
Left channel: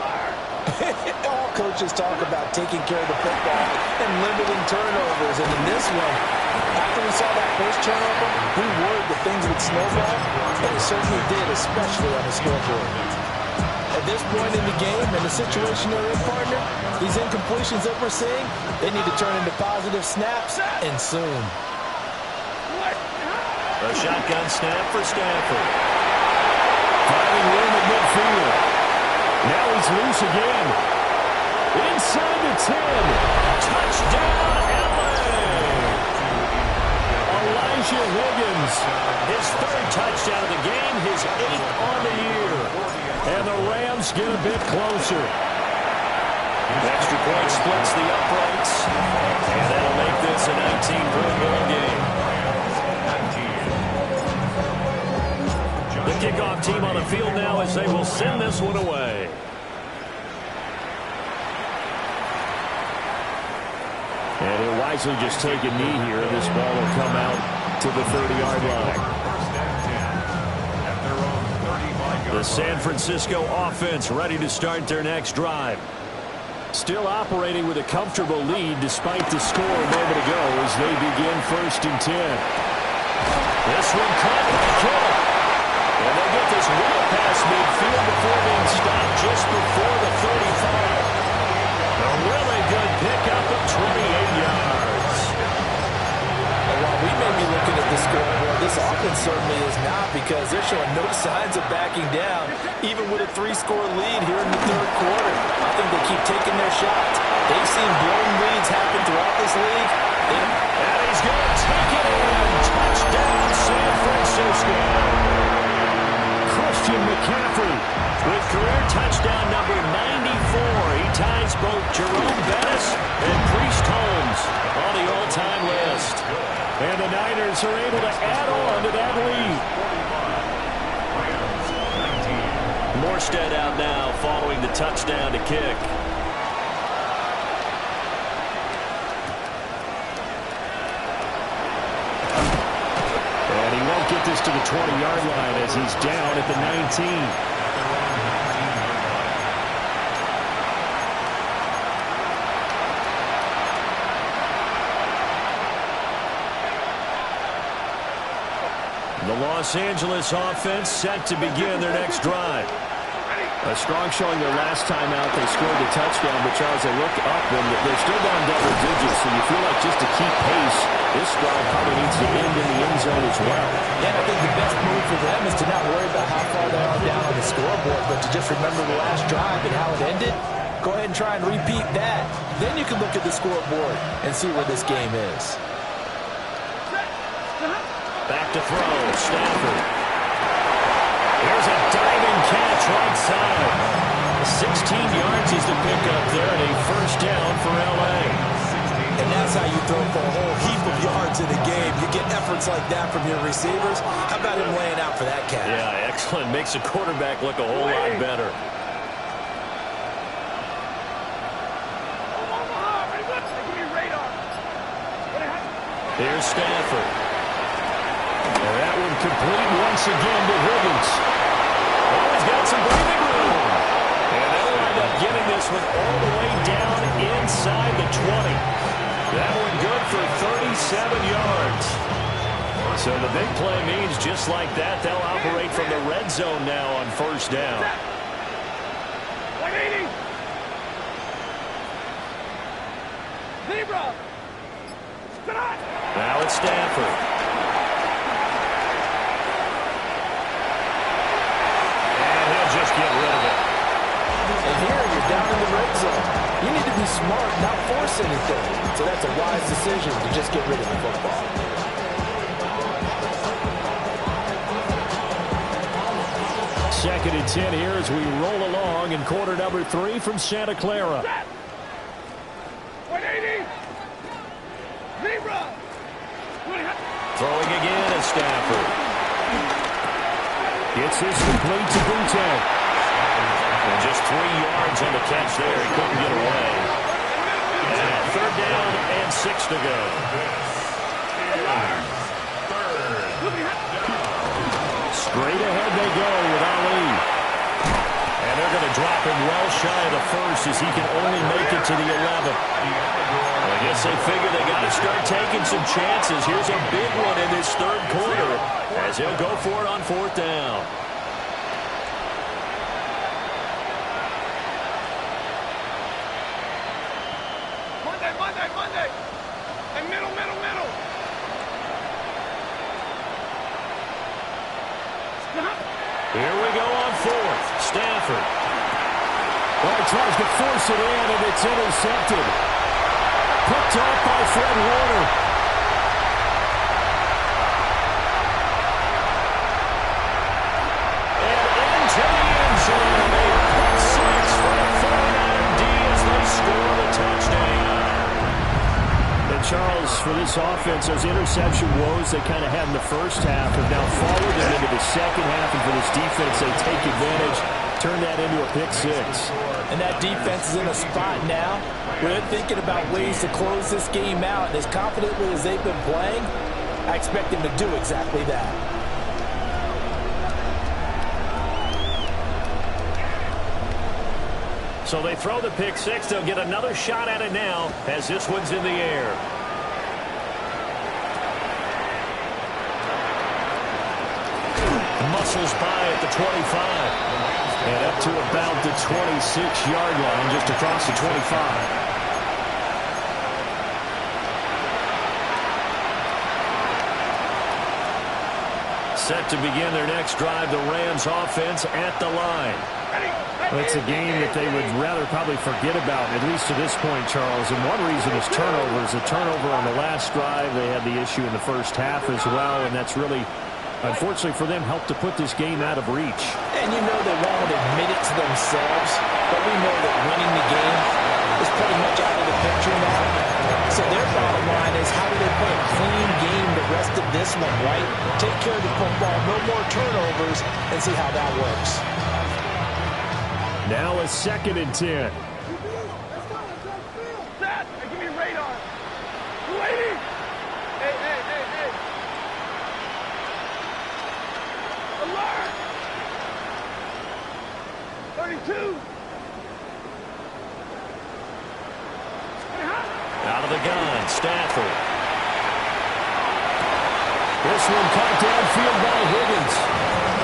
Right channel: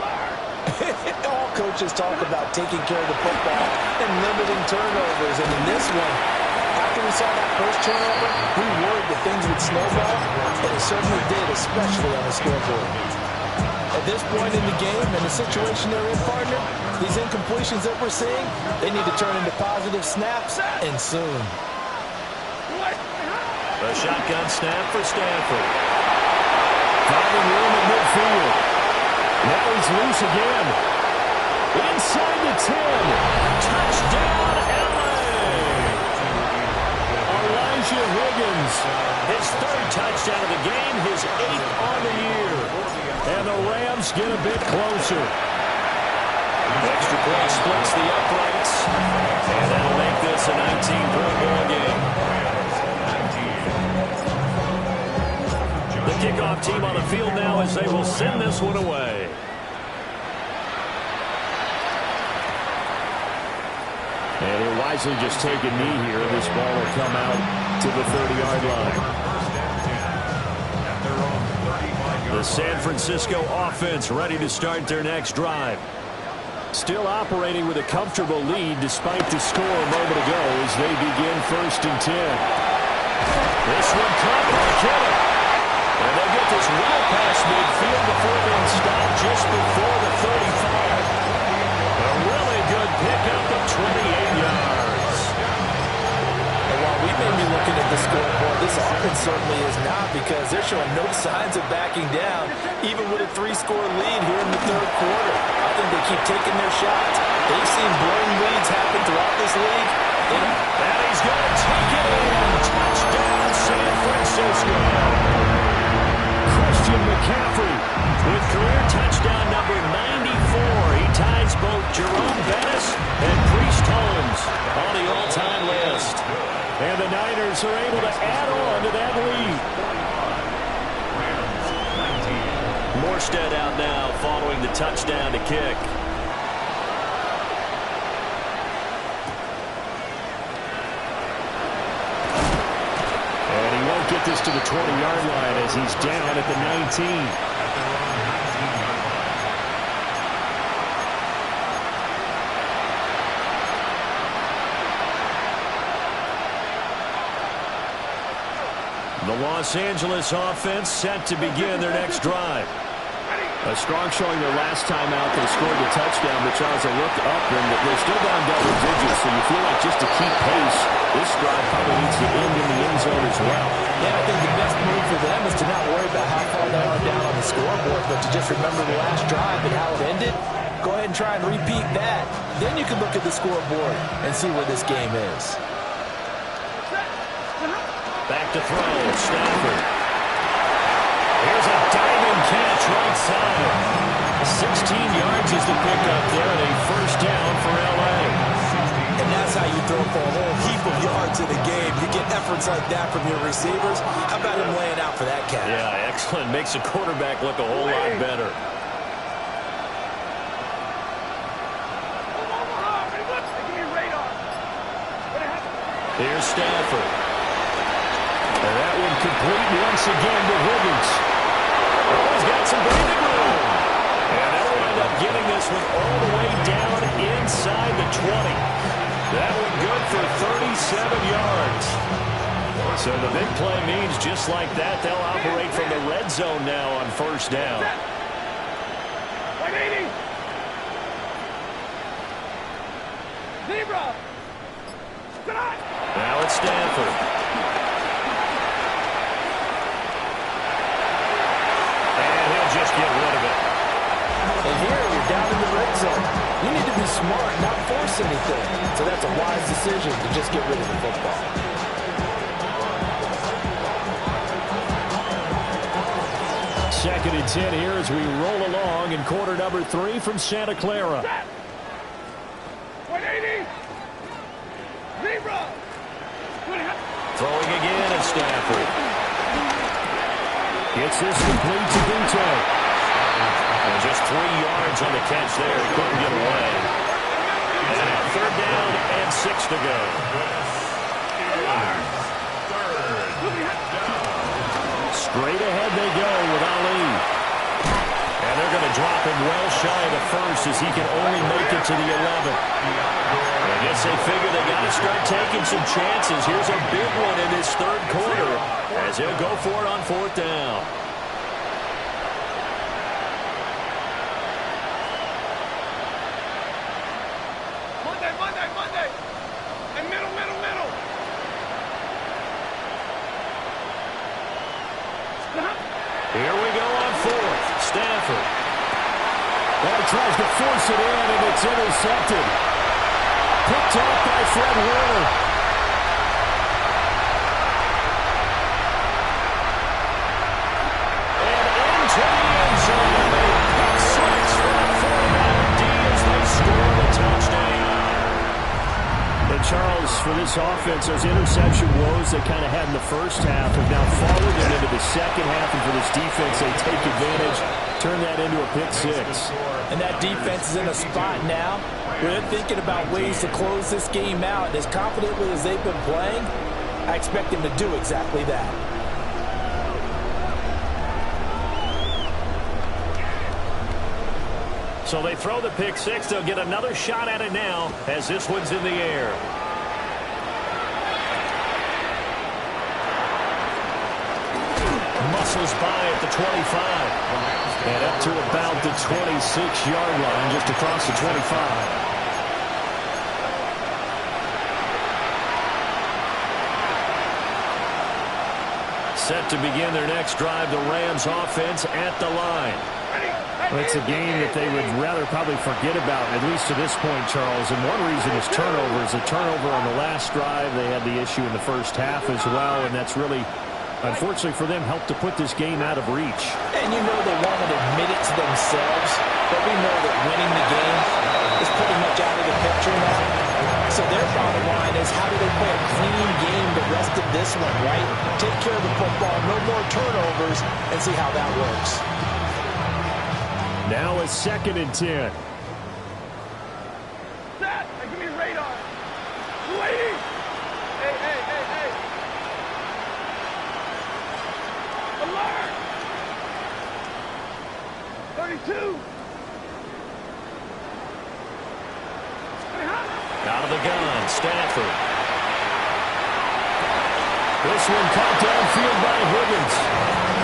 all coaches talk about taking care of the football and limiting turnovers. And in this one, after we saw that first turnover, we worried that things would snowball, and it certainly did, especially on the scoreboard. At this point in the game and the situation they're in, partner, these incompletions that we're seeing, they need to turn into positive snaps, and soon. A shotgun snap for Stafford. Finding room at midfield. Now he's loose again. Inside the 10. Touchdown, LA. Elijah Higgins. His 3rd touchdown of the game, his 8th on the year. And the Rams get a bit closer. Extra point splits the uprights. And that'll make this a 19-point ball game. The kickoff team on the field now as they will send this one away. And he'll wisely just take a knee here. This ball will come out to the 30-yard line. The San Francisco offense ready to start their next drive. Still operating with a comfortable lead despite the score a moment ago as they begin 1st and 10. This one caught by Kittle. And they'll get this well past midfield before being stopped just before the 35. A really good pickup of 28 yards. And while we may be looking at the scoreboard, this offense certainly is not, because they're showing no signs of backing down, even with a 3-score lead here in the 3rd quarter. I think they keep taking their shots. They've seen blown leads happen throughout this league. And he's going to take it in. Touchdown, San Francisco. Christian McCaffrey with career touchdown number 94. He ties both Jerome Bettis and Priest Holmes on the all-time list. And the Niners are able to add on to that lead. 19. Morstead out now following the touchdown to kick. And he won't get this to the 20-yard line as he's down at the 19. The Los Angeles offense set to begin their next drive. A strong showing their last time out. They scored the touchdown, but Charles, they looked up and they're still down double digits, so you feel like just to keep pace, this drive probably needs to end in the end zone as well. Yeah, I think the best move for them is to not worry about how far they are down on the scoreboard, but to just remember the last drive and how it ended. Go ahead and try and repeat that. Then you can look at the scoreboard and see where this game is. Back to throw, Stafford. Here's a diving catch right side. 16 yards is the pickup there and a first down for L.A. And that's how you throw for a whole heap of yards in a game. You get efforts like that from your receivers. How about him laying out for that catch? Yeah, excellent. Makes the quarterback look a whole lot better. Here's Stafford. And that one complete once again to Higgins. Oh, he's got some breathing room. And they'll wind up getting this one all the way down inside the 20. That one good for 37 yards. So the big play means just like that, they'll operate from the red zone now on first down. 180. Zebra. Now it's Stafford. And he'll just get rid of it. And here you're down in the red zone. You need to be smart, not force anything. So that's a wise decision to just get rid of the football. Second and 10 here as we roll along in quarter number 3 from Santa Clara. 180. Zebra. Throwing again at Stafford. Gets this complete to Butte. And just 3 yards on the catch there. He couldn't get away. And third down and 6 to go. Straight ahead they go with Ali. And they're going to drop him well shy of the first as he can only make it to the 11. I guess they figure they got to start taking some chances. Here's a big one in this third quarter as he'll go for it on fourth down. Monday. And middle. Stop. Here we go on fourth. Stafford. Well, he tries to force it in, and it's intercepted. Picked off by Fred Warner. And into the end zone. A pick six for the 49er D as they score. And, Charles, for this offense, those interception woes they kind of had in the first half have now followed them into the second half. And for this defense, they take advantage, turn that into a pick six. And that defense is in a spot now where they're thinking about ways to close this game out. And as confidently as they've been playing, I expect them to do exactly that. So they throw the pick six. They'll get another shot at it now as this one's in the air. Muscles by at the 25. And up to about the 26-yard line, just across the 25. Set to begin their next drive, the Rams offense at the line. Well, it's a game that they would rather probably forget about, at least to this point, Charles. And one reason is turnovers. A turnover on the last drive. They had the issue in the first half as well, and that's really, unfortunately for them, helped to put this game out of reach. And you know they won't admit it to themselves, but we know that winning the game is pretty much out of the picture now. So their bottom line is, how do they play a clean game the rest of this one, right? Take care of the football, no more turnovers, and see how that works. Now a 2nd and 10. Set! Hey, give me radar. Waiting! Hey, hey, hey, hey! Alert! 32! Out of the gun, Stafford. This one caught downfield by Higgins.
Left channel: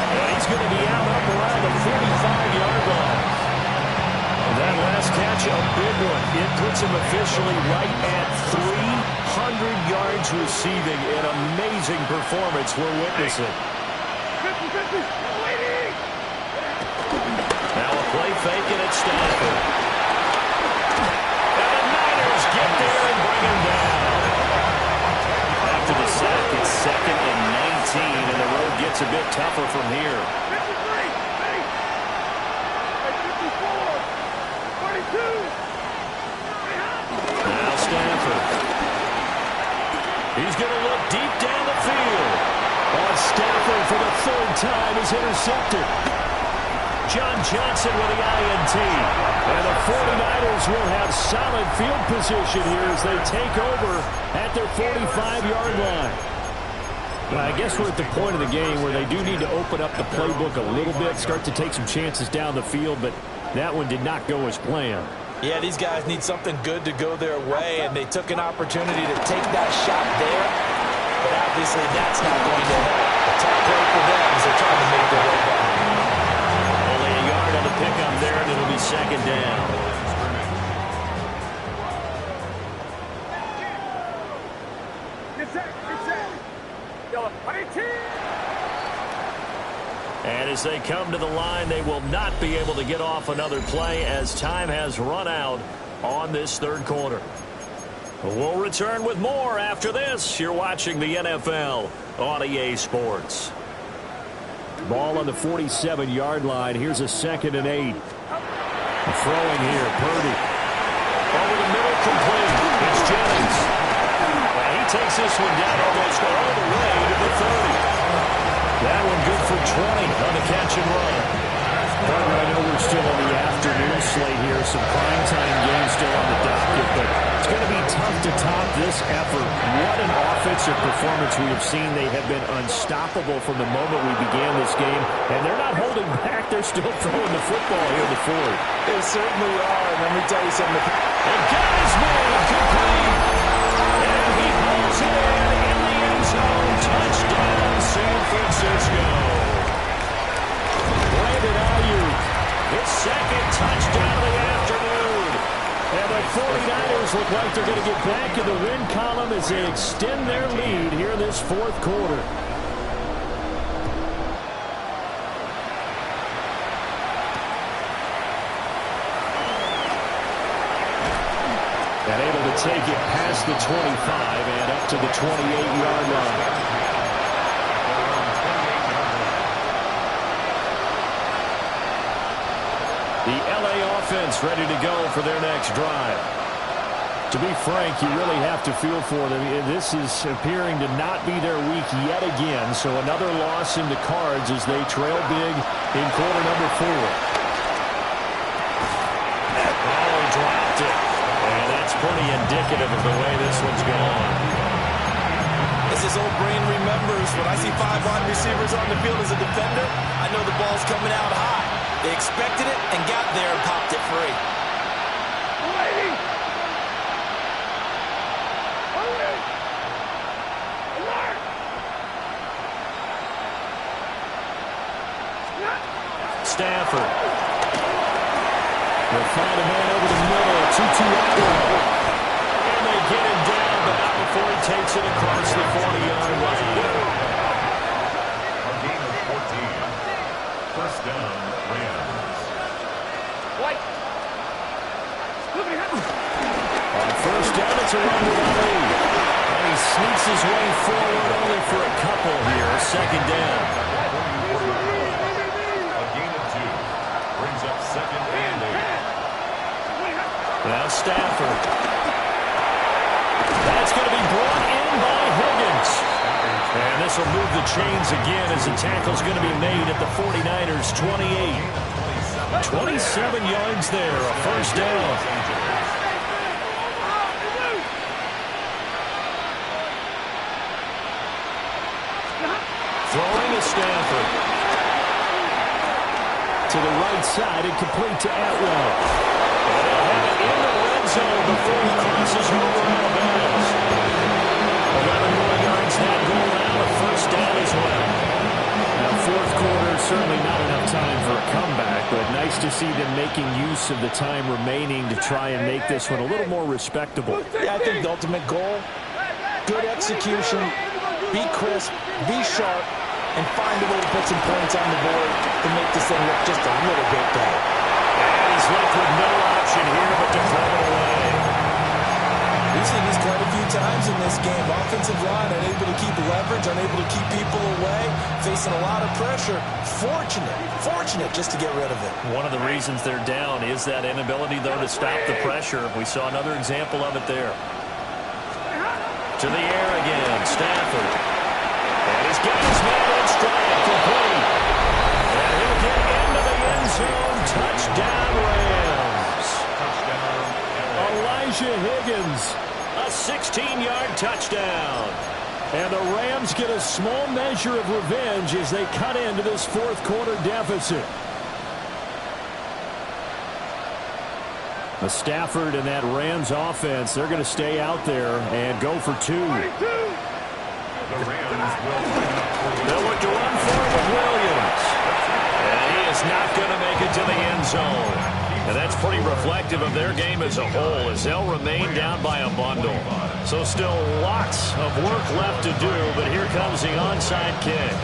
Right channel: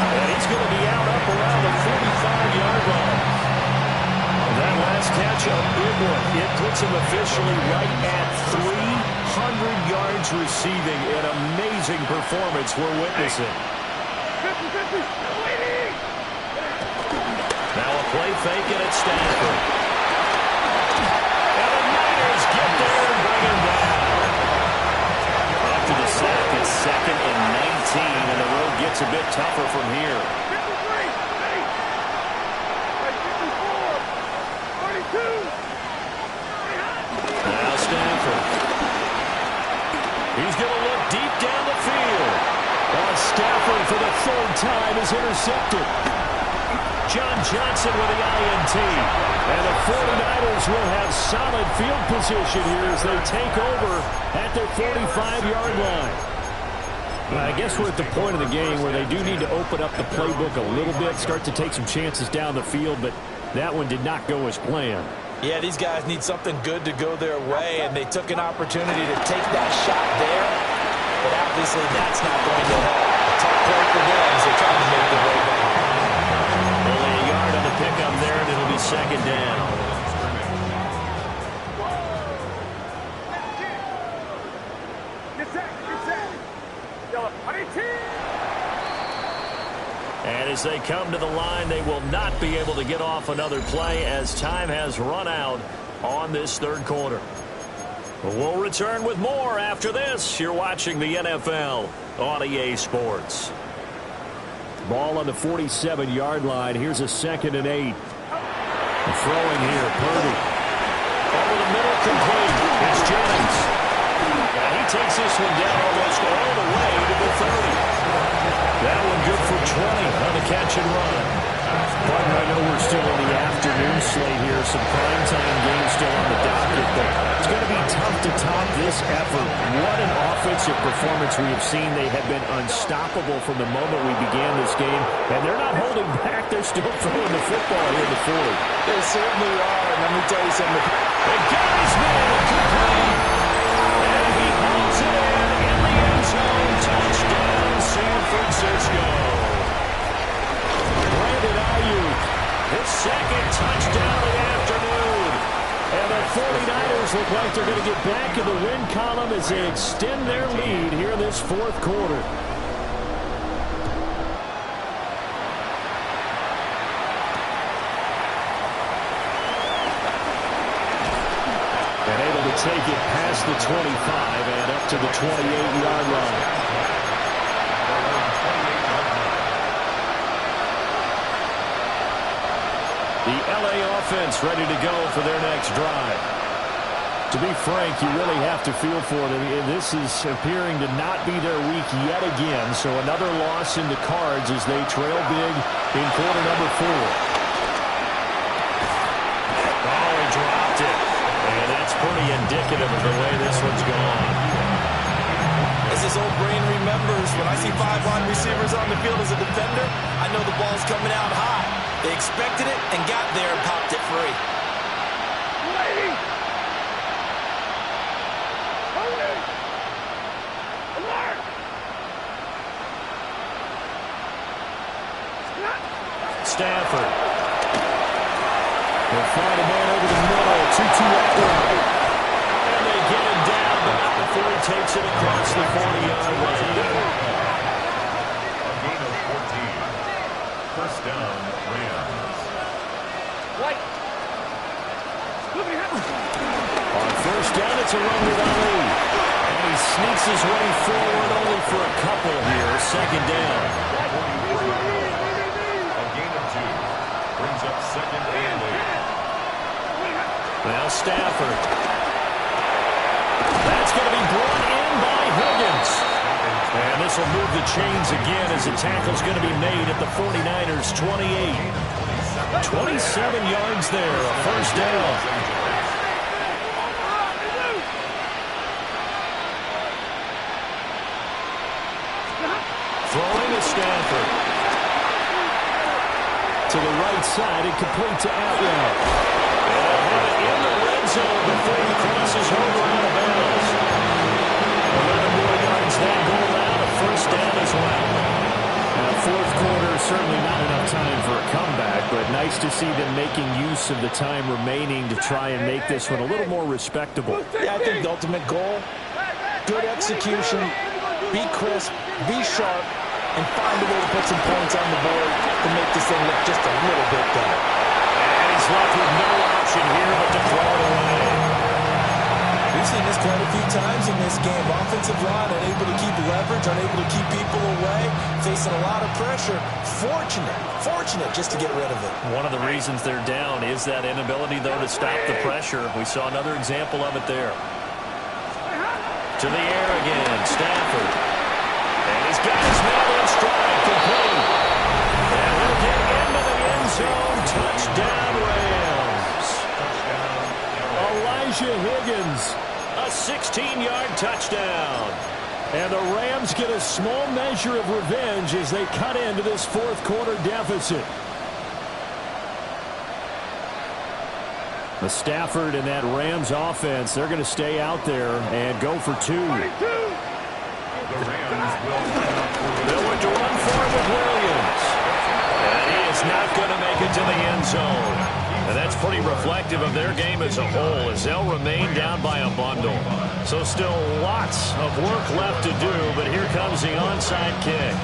And he's going to be out up around the 45-yard line. That last catch, a big one. It puts him officially right at 300 yards receiving. An amazing performance we're witnessing. 50-50, waiting! Now a play fake and it's Stafford. And the Niners get there and bring him down. After the sack, it's 2nd and 19, and the road gets a bit tougher from here. 53, ready? 54, 32. Now Stafford. He's going to look deep down the field. On Stafford for the 3rd time is intercepted. John Johnson with the INT. And the 49ers will have solid field position here as they take over at their 45-yard line. Well, I guess we're at the point of the game where they do need to open up the playbook a little bit, start to take some chances down the field, but that one did not go as planned. Yeah, these guys need something good to go their way, and they took an opportunity to take that shot there, but obviously that's not going to help. A tough play for them as they're trying to make their way back. Only a yard on the pickup there, and it'll be 2nd down. Get set, get set. Yellow, 22. And as they come to the line, they will not be able to get off another play as time has run out on this 3rd quarter. We'll return with more after this. You're watching the NFL on EA Sports. Ball on the 47-yard line. Here's a 2nd and 8. Throwing here, Purdy. Over the middle, complete. It's Jennings. And he takes this one down almost all the way to the 30. That one good for 20 on the catch and run. Partner, I know we're still in the afternoon slate here. Some primetime games still on the docket, but it's going to be tough to top this effort. What an offensive performance we have seen. They have been unstoppable from the moment we began this game, and they're not holding back. They're still throwing the football here in the 4th. They certainly are, and let me tell you something. And got his man complete. And he hauls it in the end zone. Touchdown, San Francisco. Brandon Ayuk, his 2nd touchdown of the afternoon. And the 49ers look like they're going to get back in the win column as they extend their lead here in this 4th quarter. And able to take it past the 25 and up to the 28-yard line. The LA offense ready to go for their next drive. To be frank, you really have to feel for them. This is appearing to not be their week yet again. So another loss in the cards as they trail big in quarter number 4. Oh, he dropped it. And that's pretty indicative of the way this one's gone. As his old brain remembers, when I see 5 wide receivers on the field as a defender, I know the ball's coming out high. They expected it and got there and popped it free. Stafford. They'll find a man over the middle. 2-2 Atwell. And they get him down, but not before he takes it across the 40-yard line. A gain of 14. First down, Rams. White. Look at him. On first down, it's a run with Ali. And he sneaks his way forward only for a couple here. Second down. A gain of 2. Brings up second and 8. Now Stafford. That's going to be brought in by Higgins. And this will move the chains again as the tackle's going to be made at the 49ers' 28. 27 yards there, a first down. Throwing is Stafford. To the right side and complete to Atwell. And they'll have it in the red zone before he crosses over out of bounds. 11 more yards that go around, a first down as well. Now, fourth quarter, certainly not enough time for a comeback, but nice to see them making use of the time remaining to try and make this one a little more respectable. Yeah, I think the ultimate goal, good execution, be crisp, be sharp, and find a way to put some points on the board to make this thing look just a little bit better. And he's left with no option here but to throw it away. We've seen this quite a few times in this game. Offensive line unable to keep leverage, unable to keep people away, facing a lot of pressure. Fortunate just to get rid of it. One of the reasons they're down is that inability, though, to stop the pressure. We saw another example of it there. To the air again, Stafford. And he's got his man in stride, complete. And he'll get into the end zone. Touchdown, Rams. Elijah Higgins, a 16-yard touchdown. And the Rams get a small measure of revenge as they cut into this fourth quarter deficit. The Stafford and that Rams offense, they're going to stay out there and go for 2. The Rams They'll look to run for it with Williams. And he is not going to make it to the end zone. And that's pretty reflective of their game as a whole, as they'll remain down by a bundle. So still lots of work left to do, but here comes the onside kick.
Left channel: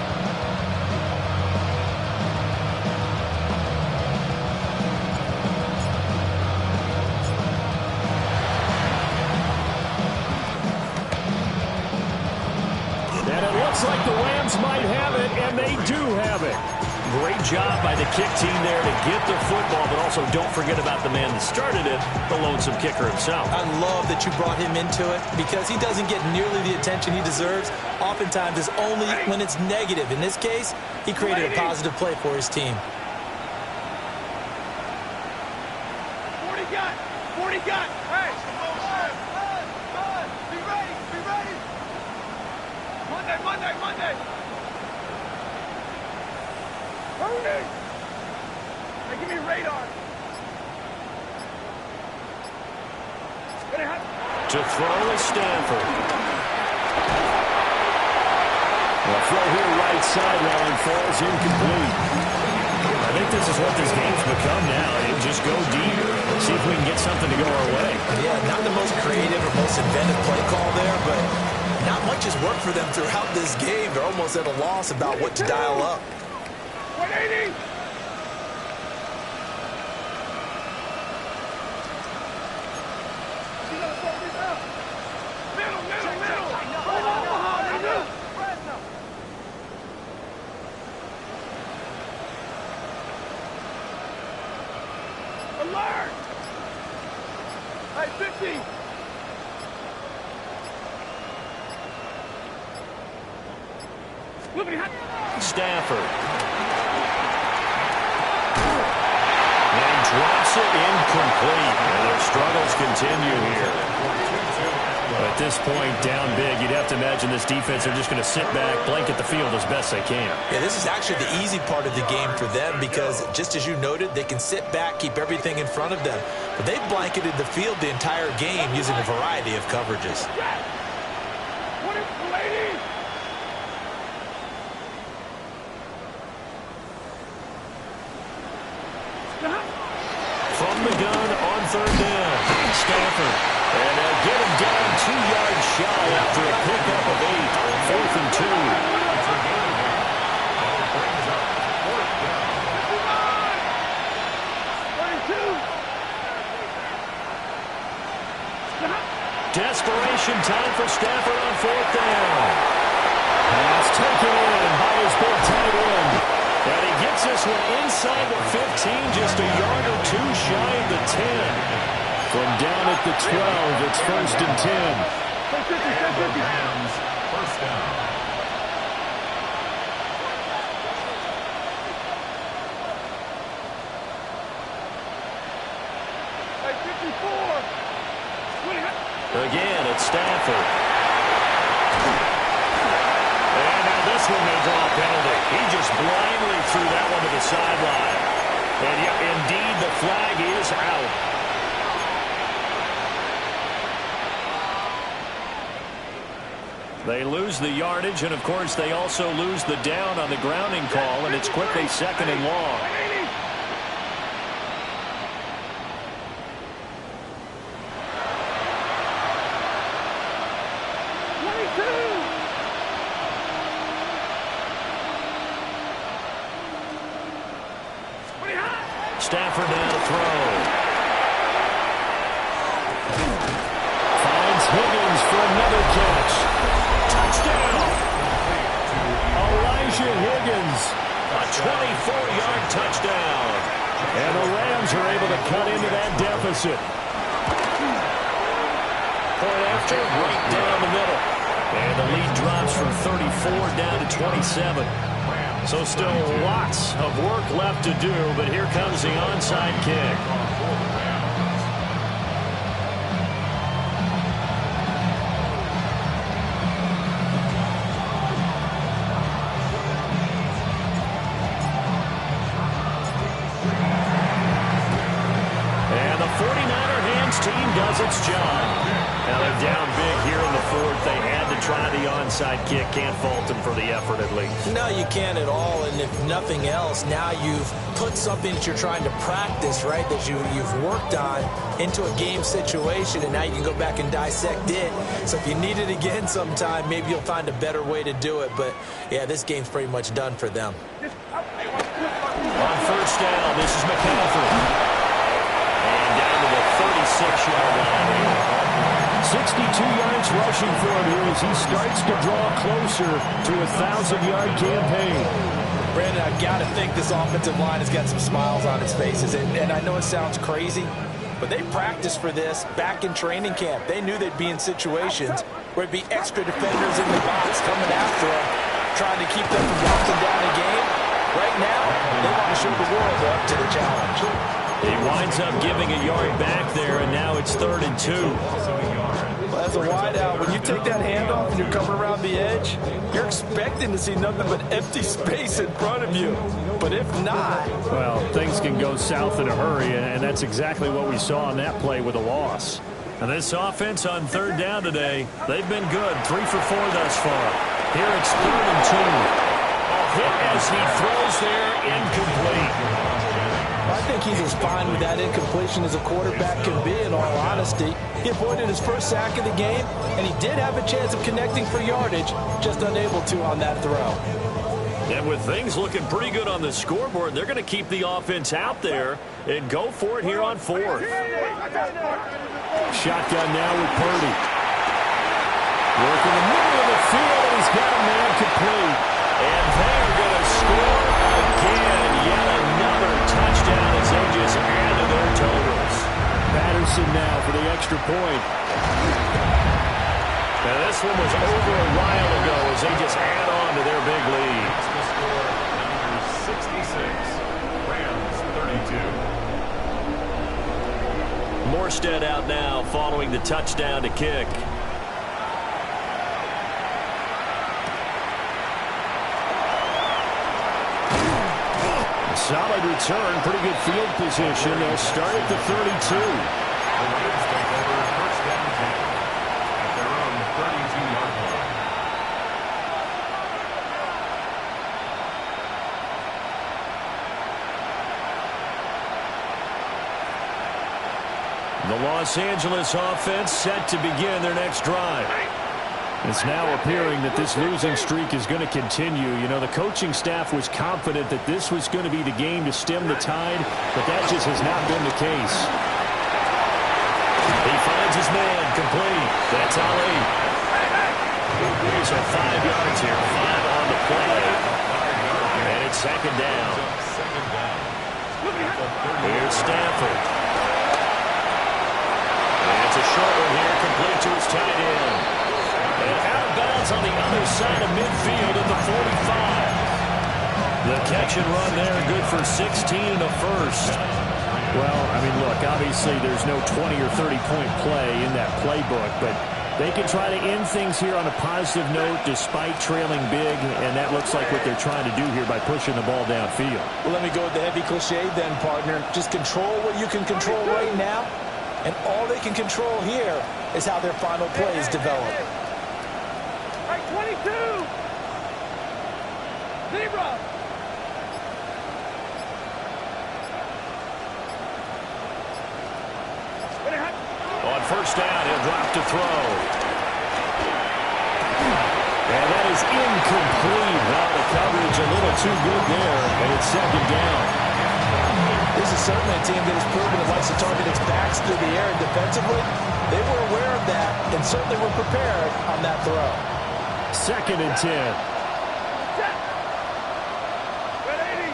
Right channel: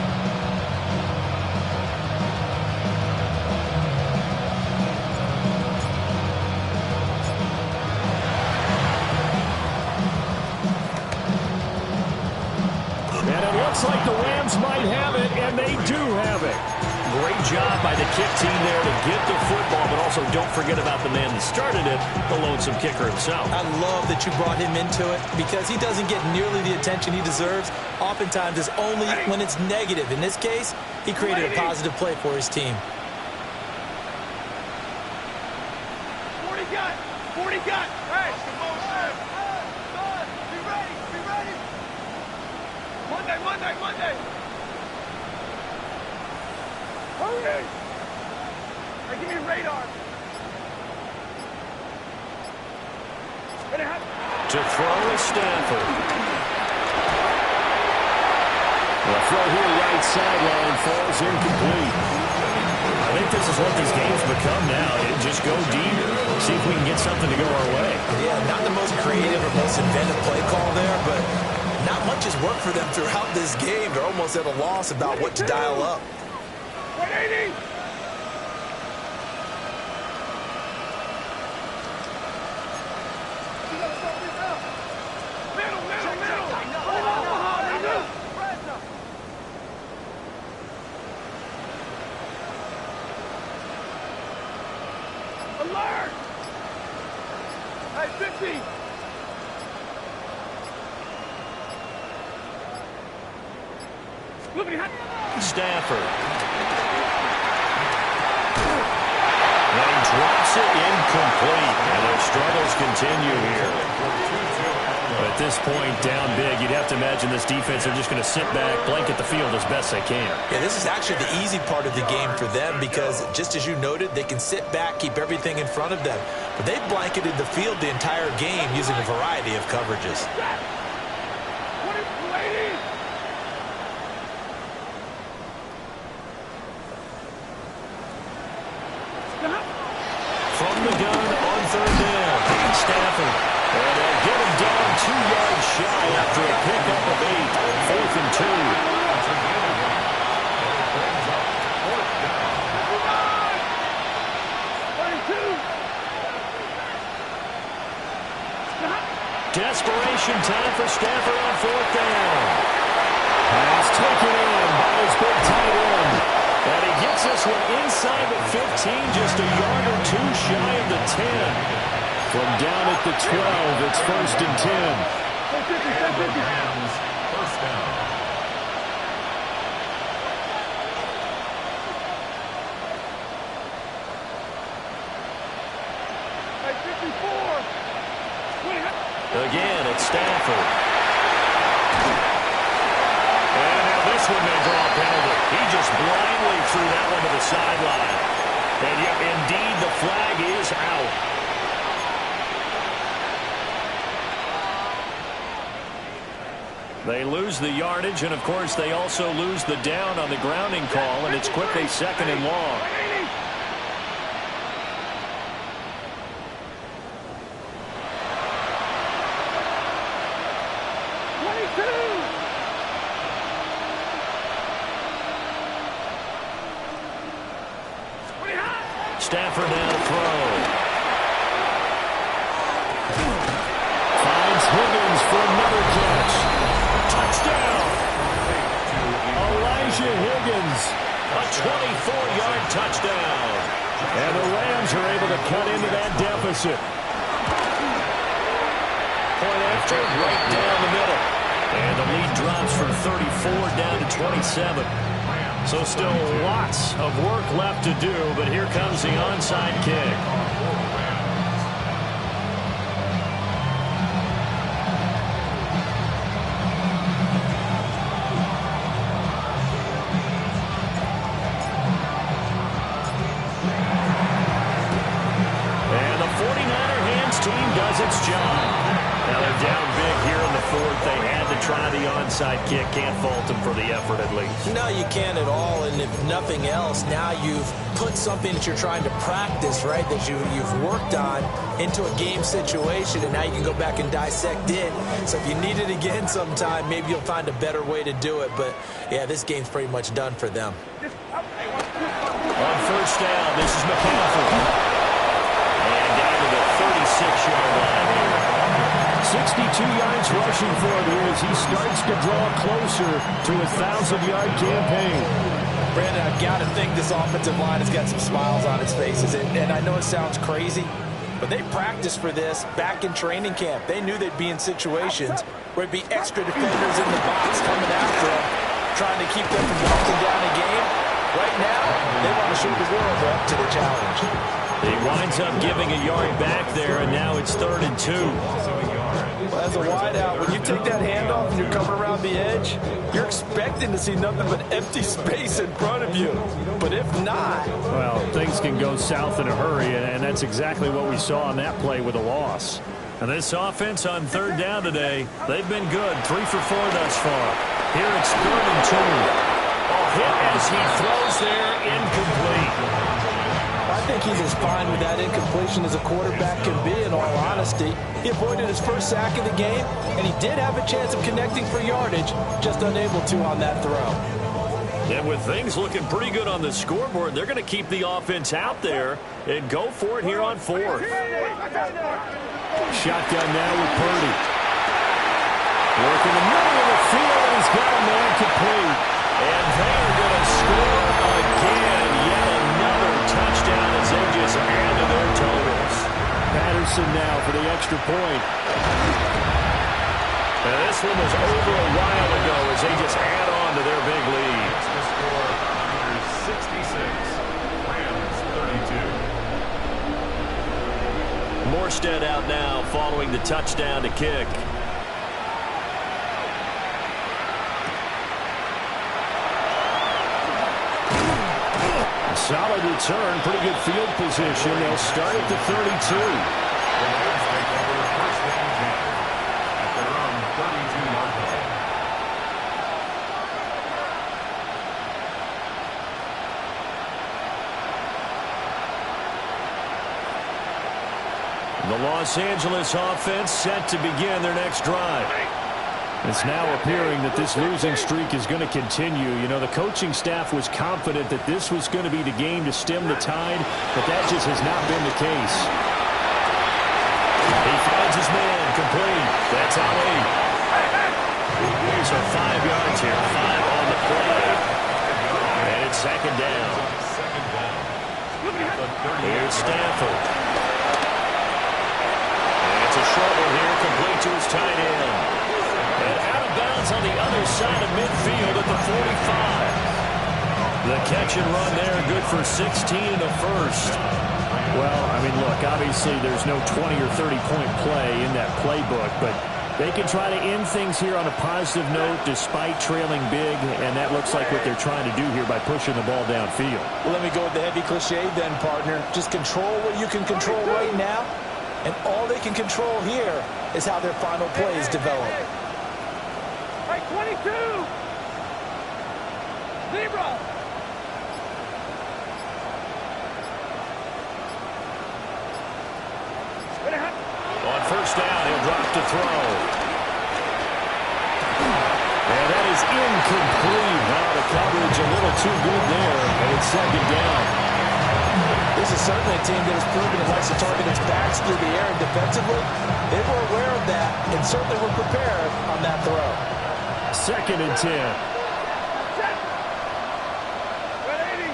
And it looks like the Rams might have it, and they do have it. Great job by the kick team there to get the football, but also don't forget about the man that started it, the lonesome kicker himself. I love that you brought him into it because he doesn't get nearly the attention he deserves. Oftentimes it's only when it's negative. In this case, he created a positive play for his team. 40 got. Hey. Be ready. Monday. Hurry! Hey, give me radar. To throw is Stafford. The throw here right sideline falls incomplete. I think this is what this game's become now. Just go deep. See if we can get something to go our way. Yeah, not the most creative or most inventive play call there, but not much has worked for them throughout this game. They're almost at a loss about what to dial up. 180! Middle! Alert! Hey, 50! Stafford. And he drops it incomplete. And their struggles continue here. At this point, down big, you'd have to imagine this defense, they're just going to sit back, blanket the field as best they can. Yeah, this is actually the easy part of the game for them because, just as you noted, they can sit back, keep everything in front of them. But they've blanketed the field the entire game using a variety of coverages. From the gun on third down, Stafford. And they'll get him down 2 yards shy after a pickup of 8. 4th and 2. Desperation time for Stafford on 4th down. Pass taken in by his big tight end. And he gets this one inside the 15, just a yard or 2 shy of the 10. From down at the 12, it's 1st and 10. Rams, first down. Again, it's Stafford. And now this one may draw a penalty. He just blindly threw that one to the sideline. And yep, indeed, the flag is out. They lose the yardage, and of course they also lose the down on the grounding call, and it's quickly 2nd and long. Stafford now to throw. Finds Higgins for another catch. Touchdown! Elijah Higgins. A 24-yard touchdown. And the Rams are able to cut into that deficit. Point after, right down the middle. And the lead drops from 34 down to 27. So still lots of work left to do, but here comes the onside kick. And the 49er hands team does its job. Now they're down big here in the 4th. They had to try the onside kick. Can't fault them for the effort at least. No, you can't at all. And if nothing else, now you've put something that you're trying to practice, right, that you've worked on into a game situation, and now you can go back and dissect it. So if you need it again sometime, maybe you'll find a better way to do it. But, yeah, this game's pretty much done for them. On 1st down, this is McCaffrey. And down to the 36-yard line here. 62 yards rushing for him here as he starts to draw closer to a 1,000-yard campaign. Brandon, I've got to think this offensive line has got some smiles on its faces. And I know it sounds crazy, but they practiced for this back in training camp. They knew they'd be in situations where it'd be extra defenders in the box coming after them, trying to keep them from walking down a game. Right now, they want to show the world they're up to the challenge. He winds up giving a yard back there, and now it's 3rd and 2. Well, as a wideout, when you take that handoff and you're coming around the edge, you're expecting to see nothing but empty space in front of you. But if not... Well, things can go south in a hurry, and that's exactly what we saw on that play with a loss. And this offense on 3rd down today, they've been good. 3 for 4 thus far. Here it's 3rd and 2. A hit as he throws there, incomplete. I think he's as fine with that incompletion as a quarterback can be, in all honesty. He avoided his first sack of the game, and he did have a chance of connecting for yardage, just unable to on that throw. And with things looking pretty good on the scoreboard, they're going to keep the offense out there and go for it here on 4th. Shotgun now with Purdy. Working the middle of the field, and he's got a man complete. And they are going to score again. Yet another touchdown as they just add to their totals. Patterson now for the extra point. Now this one was over a while ago as they just add on to their big lead. Rams 32. Morstead out now following the touchdown to kick. A solid return, pretty good field position. They'll start at the 32. The Rams take over 1st and 10 at their own 32-yard line. The Los Angeles offense set to begin their next drive. It's now appearing that this losing streak is going to continue. You know, the coaching staff was confident that this was going to be the game to stem the tide, but that just has not been the case. He finds his man, complete. That's Ali. So 5 yards here, 5 on the play. And it's second down. Here's Stafford. And it's a short one here, complete to his tight end. And out of bounds on the other side of midfield at the 45. The catch and run there, good for 16 and a first. Well, I mean, look, obviously there's no 20 or 30-point play in that playbook, but they can try to end things here on a positive note despite trailing big, and that looks like what they're trying to do here by pushing the ball downfield. Well, let me go with the heavy cliche then, partner. Just control what you can control right now, and all they can control here is how their final plays develop. 22! Zebra! On first down, he'll drop to throw. And that is incomplete. Now the coverage a little too good there, and it's second down. This is certainly a team that has proven it likes to target its backs through the air, and defensively, they were aware of that and certainly were prepared on that throw. Second and 10. Set! Red 80!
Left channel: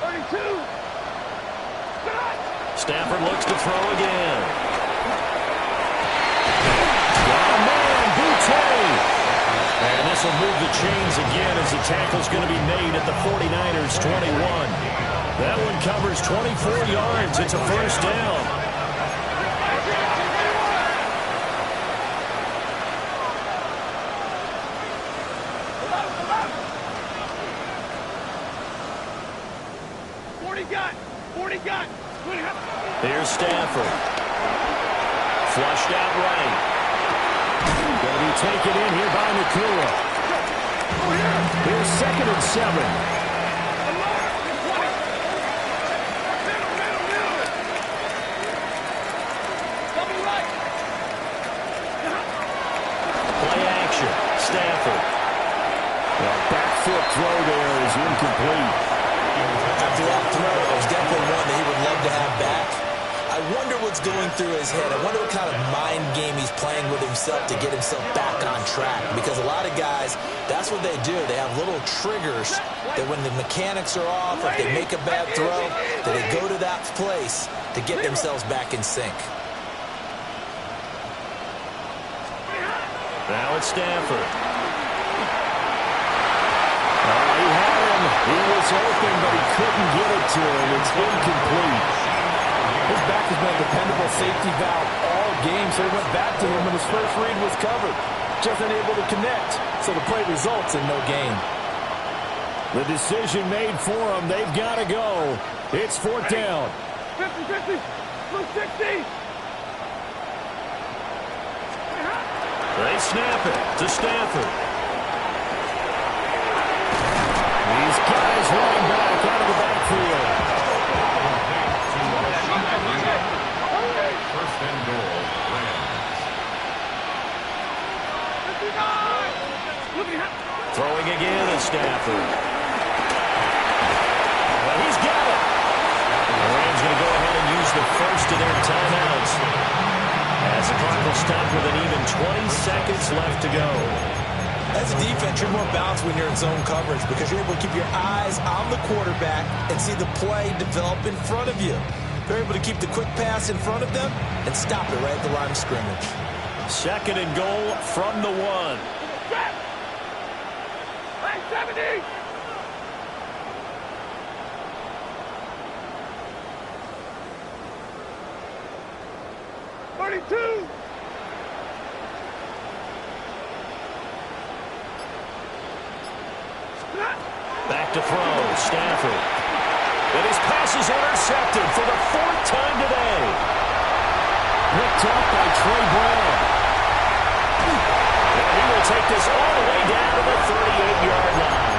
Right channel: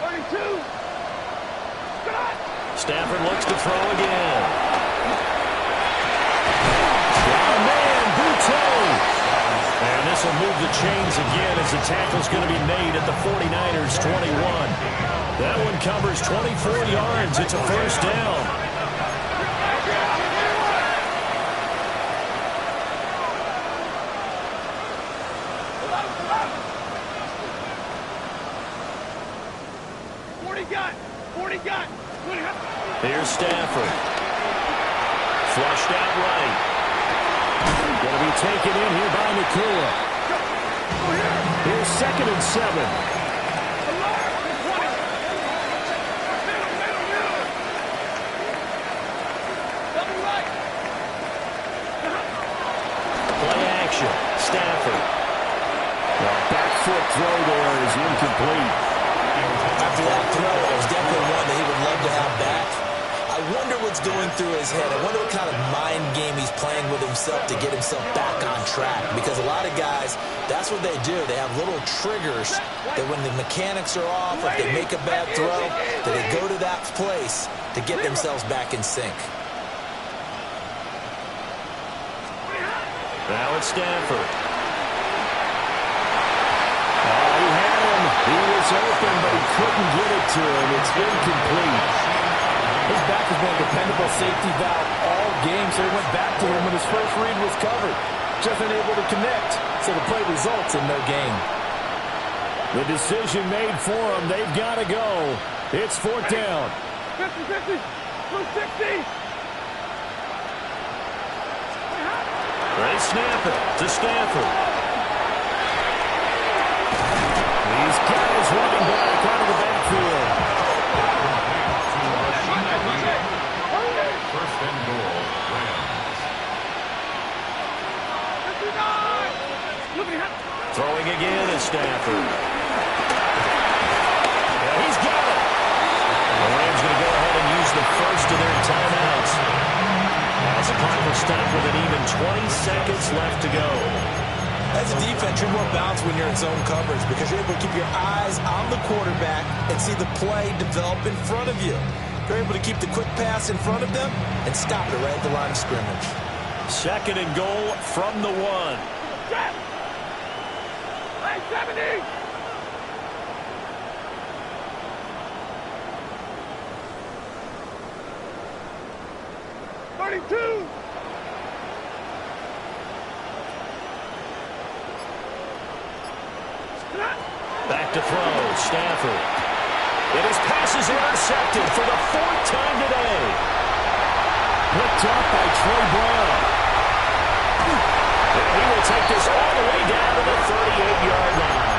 32! Scott! Stafford looks to throw again. Got a man, Boutte. And this will move the chains again as the tackle's going to be made at the 49ers' 21. That one covers 24 yards. It's a first down. Here's Stafford. Flushed out right. Going to be taken in here by Nakua. Here's second and 7. Play action. Stafford. Well, back foot throw there is incomplete. After that throw, it was definitely one that he would love to have back. I wonder what's going through his head. I wonder what kind of mind game he's playing with himself to get himself back on track. Because a lot of guys, that's what they do. They have little triggers that when the mechanics are off, or if they make a bad throw, that they go to that place to get themselves back in sync. Now it's Stafford. Oh, he had him. He was open, but he couldn't get it to him. It's incomplete. His back has been a dependable safety valve all game, so he went back to him when his first read was covered. Just unable to connect, so the play results in no gain. The decision made for him. They've got to go. It's fourth down. 50-50, blue 60. They snap it to Stafford. He's got his running back out of the backfield. First and goal, Rams. Throwing again is Stafford. Well, he's got it. The Rams going to go ahead and use the first of their timeouts. As the clock will stop with an even 20 seconds left to go. As a defense, you're more balanced when you're in zone coverage because you're able to keep your eyes on the quarterback and see the play develop in front of you. You're able to keep the quick pass in front of them and stop it right at the line of scrimmage. Second and goal from the 1. 70. 22. Back to throw, Stafford. And his pass is intercepted for the 4th time today. Picked up by Trey Brown. And he will take this all the way down to the 38-yard line.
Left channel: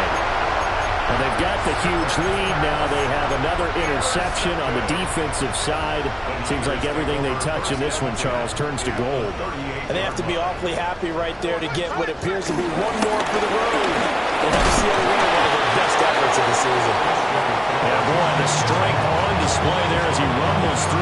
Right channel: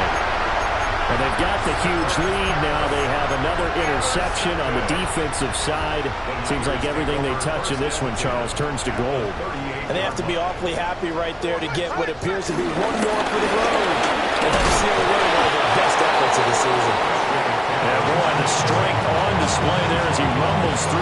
And they've got the huge lead. Now they have another interception on the defensive side. Seems like everything they touch in this one, Charles, turns to gold. And they have to be awfully happy right there to get what appears to be one more for the road. And that's sealed away one of their best efforts of the season. And boy, the strength on display there as he rumbles through.